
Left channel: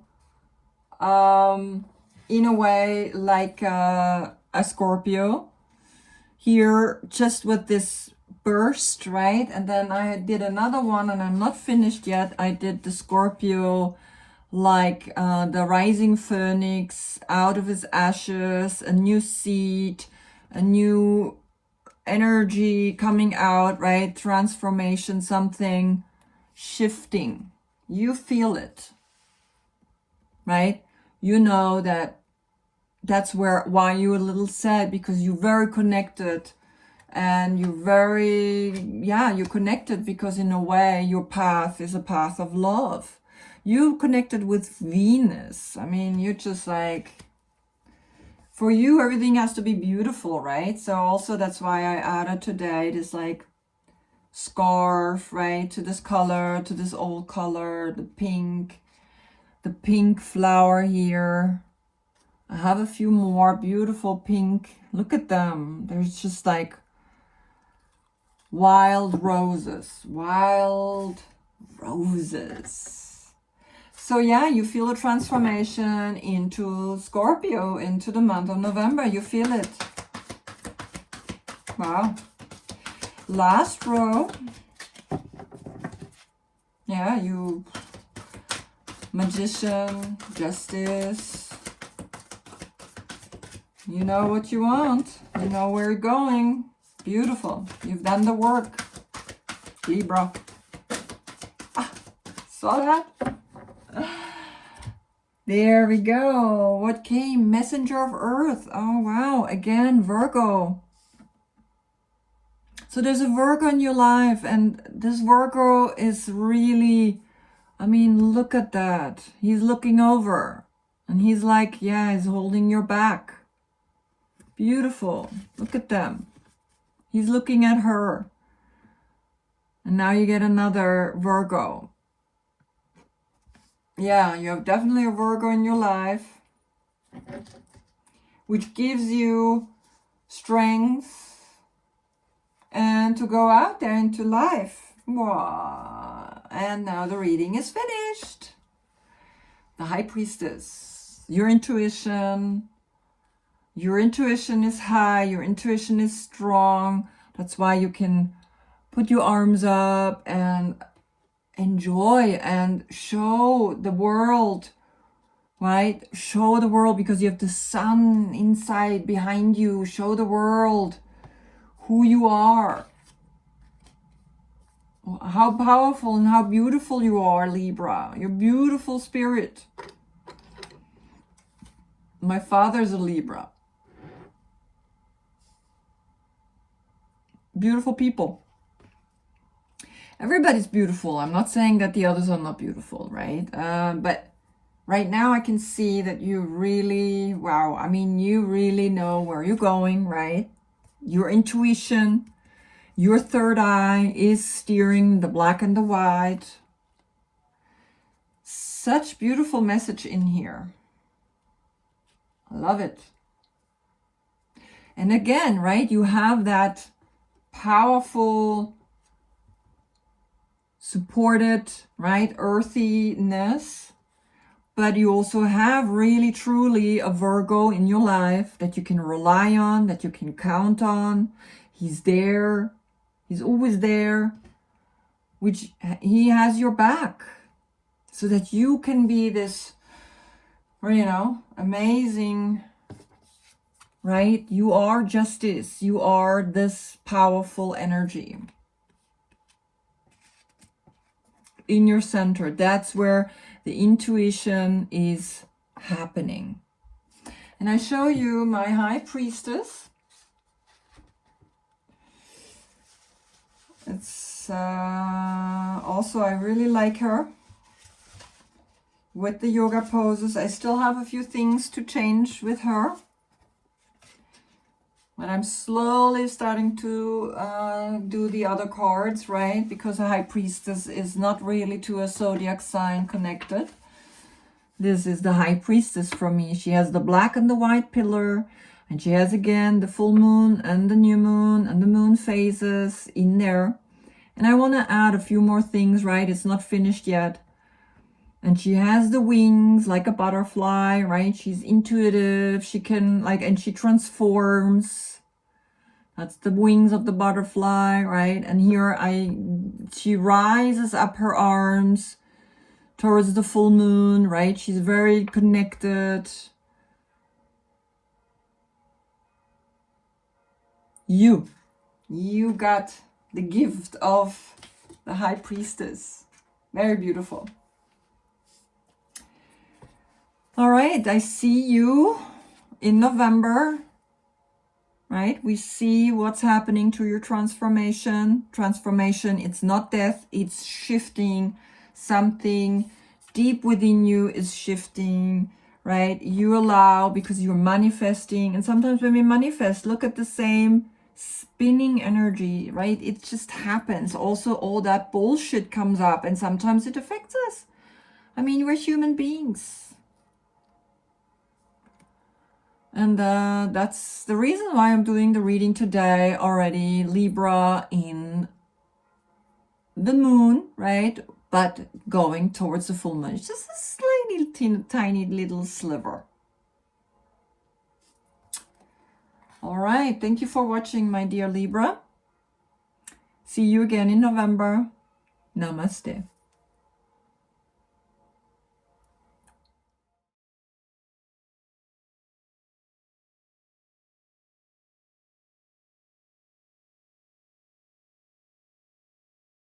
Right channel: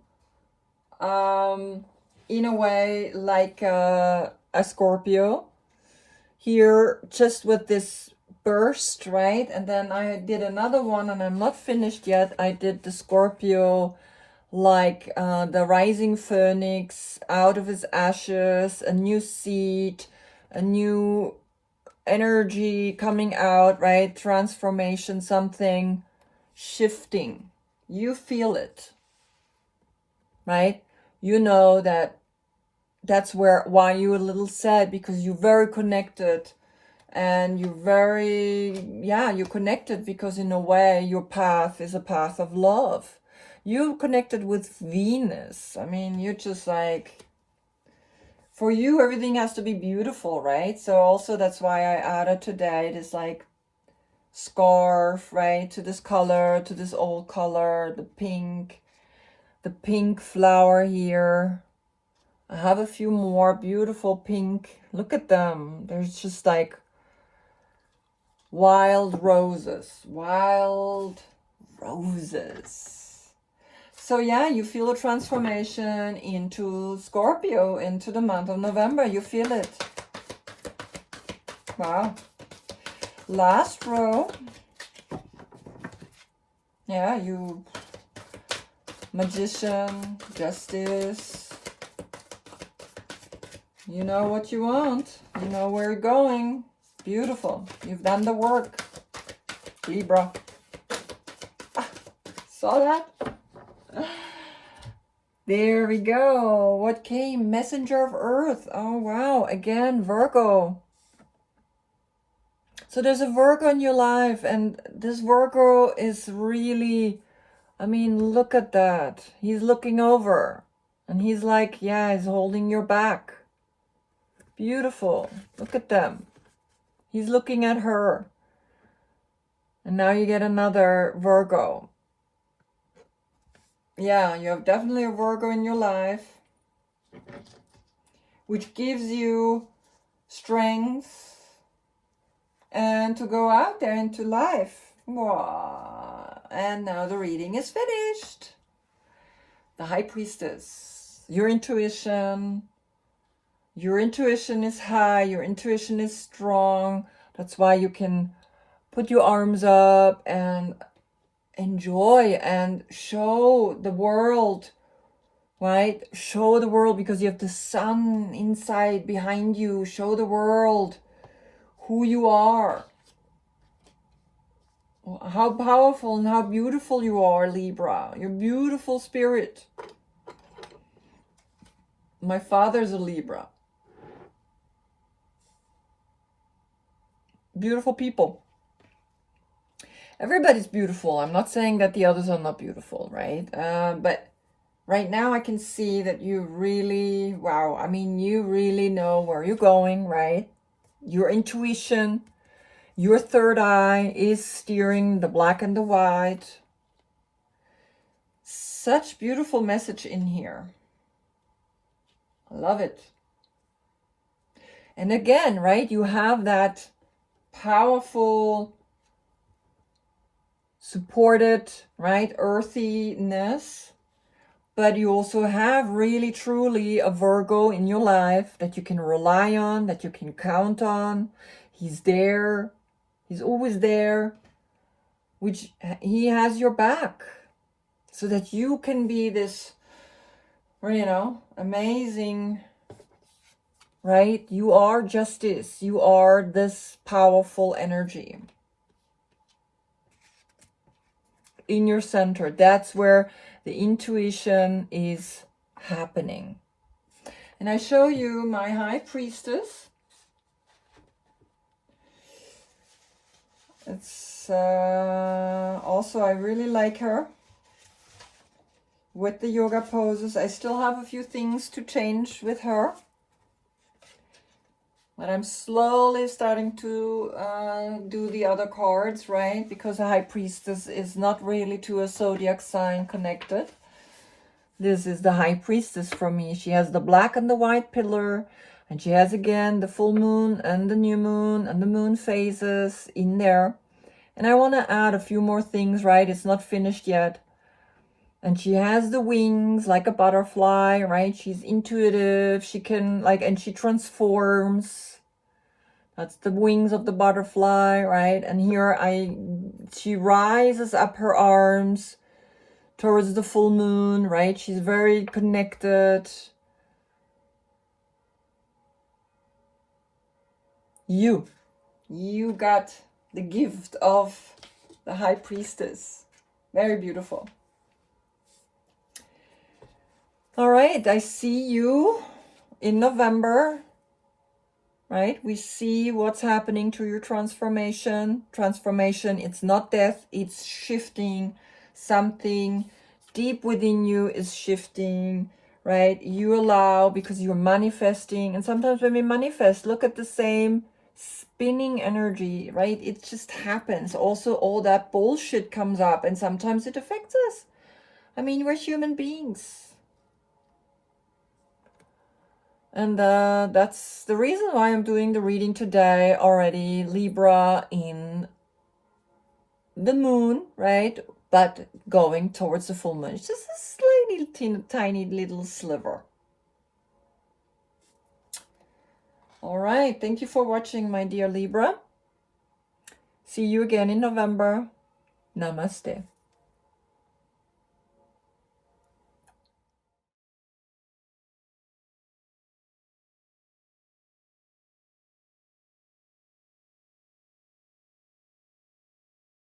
in a way like a Scorpio. Here, just with this burst, right? And then I did another one, and I'm not finished yet. I did the Scorpio like the rising phoenix out of his ashes, a new seed, a new energy coming out, right? Transformation, something shifting. You feel it, right? You know that that's why you're a little sad, because you're very connected, and you're you're connected because in a way your path is a path of love. You connected with Venus. I mean, you're just like, for you, everything has to be beautiful, right? So also that's why I added today this like scarf, right? To this color, to this old color, the pink flower here. I have a few more beautiful pink. Look at them. There's just like wild roses. So yeah, you feel a transformation into Scorpio, into the month of November. You feel it. Wow. Last row. Yeah, you Magician, Justice. You know what you want. You know where you're going. Beautiful. You've done the work. Libra. Ah, saw that? There we go. What came? Messenger of Earth. Oh, wow. Again, Virgo. So there's a Virgo in your life, and this Virgo is really, I mean, look at that. He's looking over, and he's like, yeah, he's holding your back. Beautiful. Look at them. He's looking at her. And now you get another Virgo. Yeah, you have definitely a Virgo in your life, which gives you strength and to go out there into life. Wow. And now the reading is finished. The High Priestess. Your intuition is high, your intuition is strong. That's why you can put your arms up and enjoy and show the world, right? Show the world, because you have the sun inside behind you. Show the world who you are, how powerful and how beautiful you are, Libra. You're beautiful spirit. My father's a Libra. Beautiful people. Everybody's beautiful. I'm not saying that the others are not beautiful, right? But right now I can see that you really, wow, I mean, you really know where you're going, right? Your intuition, your third eye is steering the black and the white. Such beautiful message in here. I love it. And again, right, you have that powerful, supported, right, earthiness, but you also have really truly a Virgo in your life that you can rely on, that you can count on. He's there. He's always there, which he has your back, so that you can be this, you know, amazing, right? You are justice. You are this powerful energy in your center. That's where the intuition is happening. And I show you my High Priestess. It's also, I really like her with the yoga poses. I still have a few things to change with her, but I'm slowly starting to do the other cards, right? Because a High Priestess is not really to a Zodiac sign connected. This is the High Priestess for me. She has the black and the white pillar, and she has again the full moon and the new moon and the moon phases in there. And I want to add a few more things, right? It's not finished yet. And she has the wings like a butterfly, right? She's intuitive. She can and she transforms. That's the wings of the butterfly, right? And here she rises up her arms towards the full moon, right? She's very connected. You got the gift of the High Priestess. Very beautiful. All right, I see you in November, right? We see what's happening to your transformation. Transformation, it's not death, it's shifting. Something deep within you is shifting, right? You allow, because you're manifesting. And sometimes when we manifest, look at the same spinning energy, right? It just happens. Also, all that bullshit comes up, and sometimes it affects us. I mean, we're human beings. And that's the reason why I'm doing the reading today already. Libra in the moon, right? But going towards the full moon. It's just a slightly tiny little sliver. All right. Thank you for watching, my dear Libra. See you again in November. Namaste.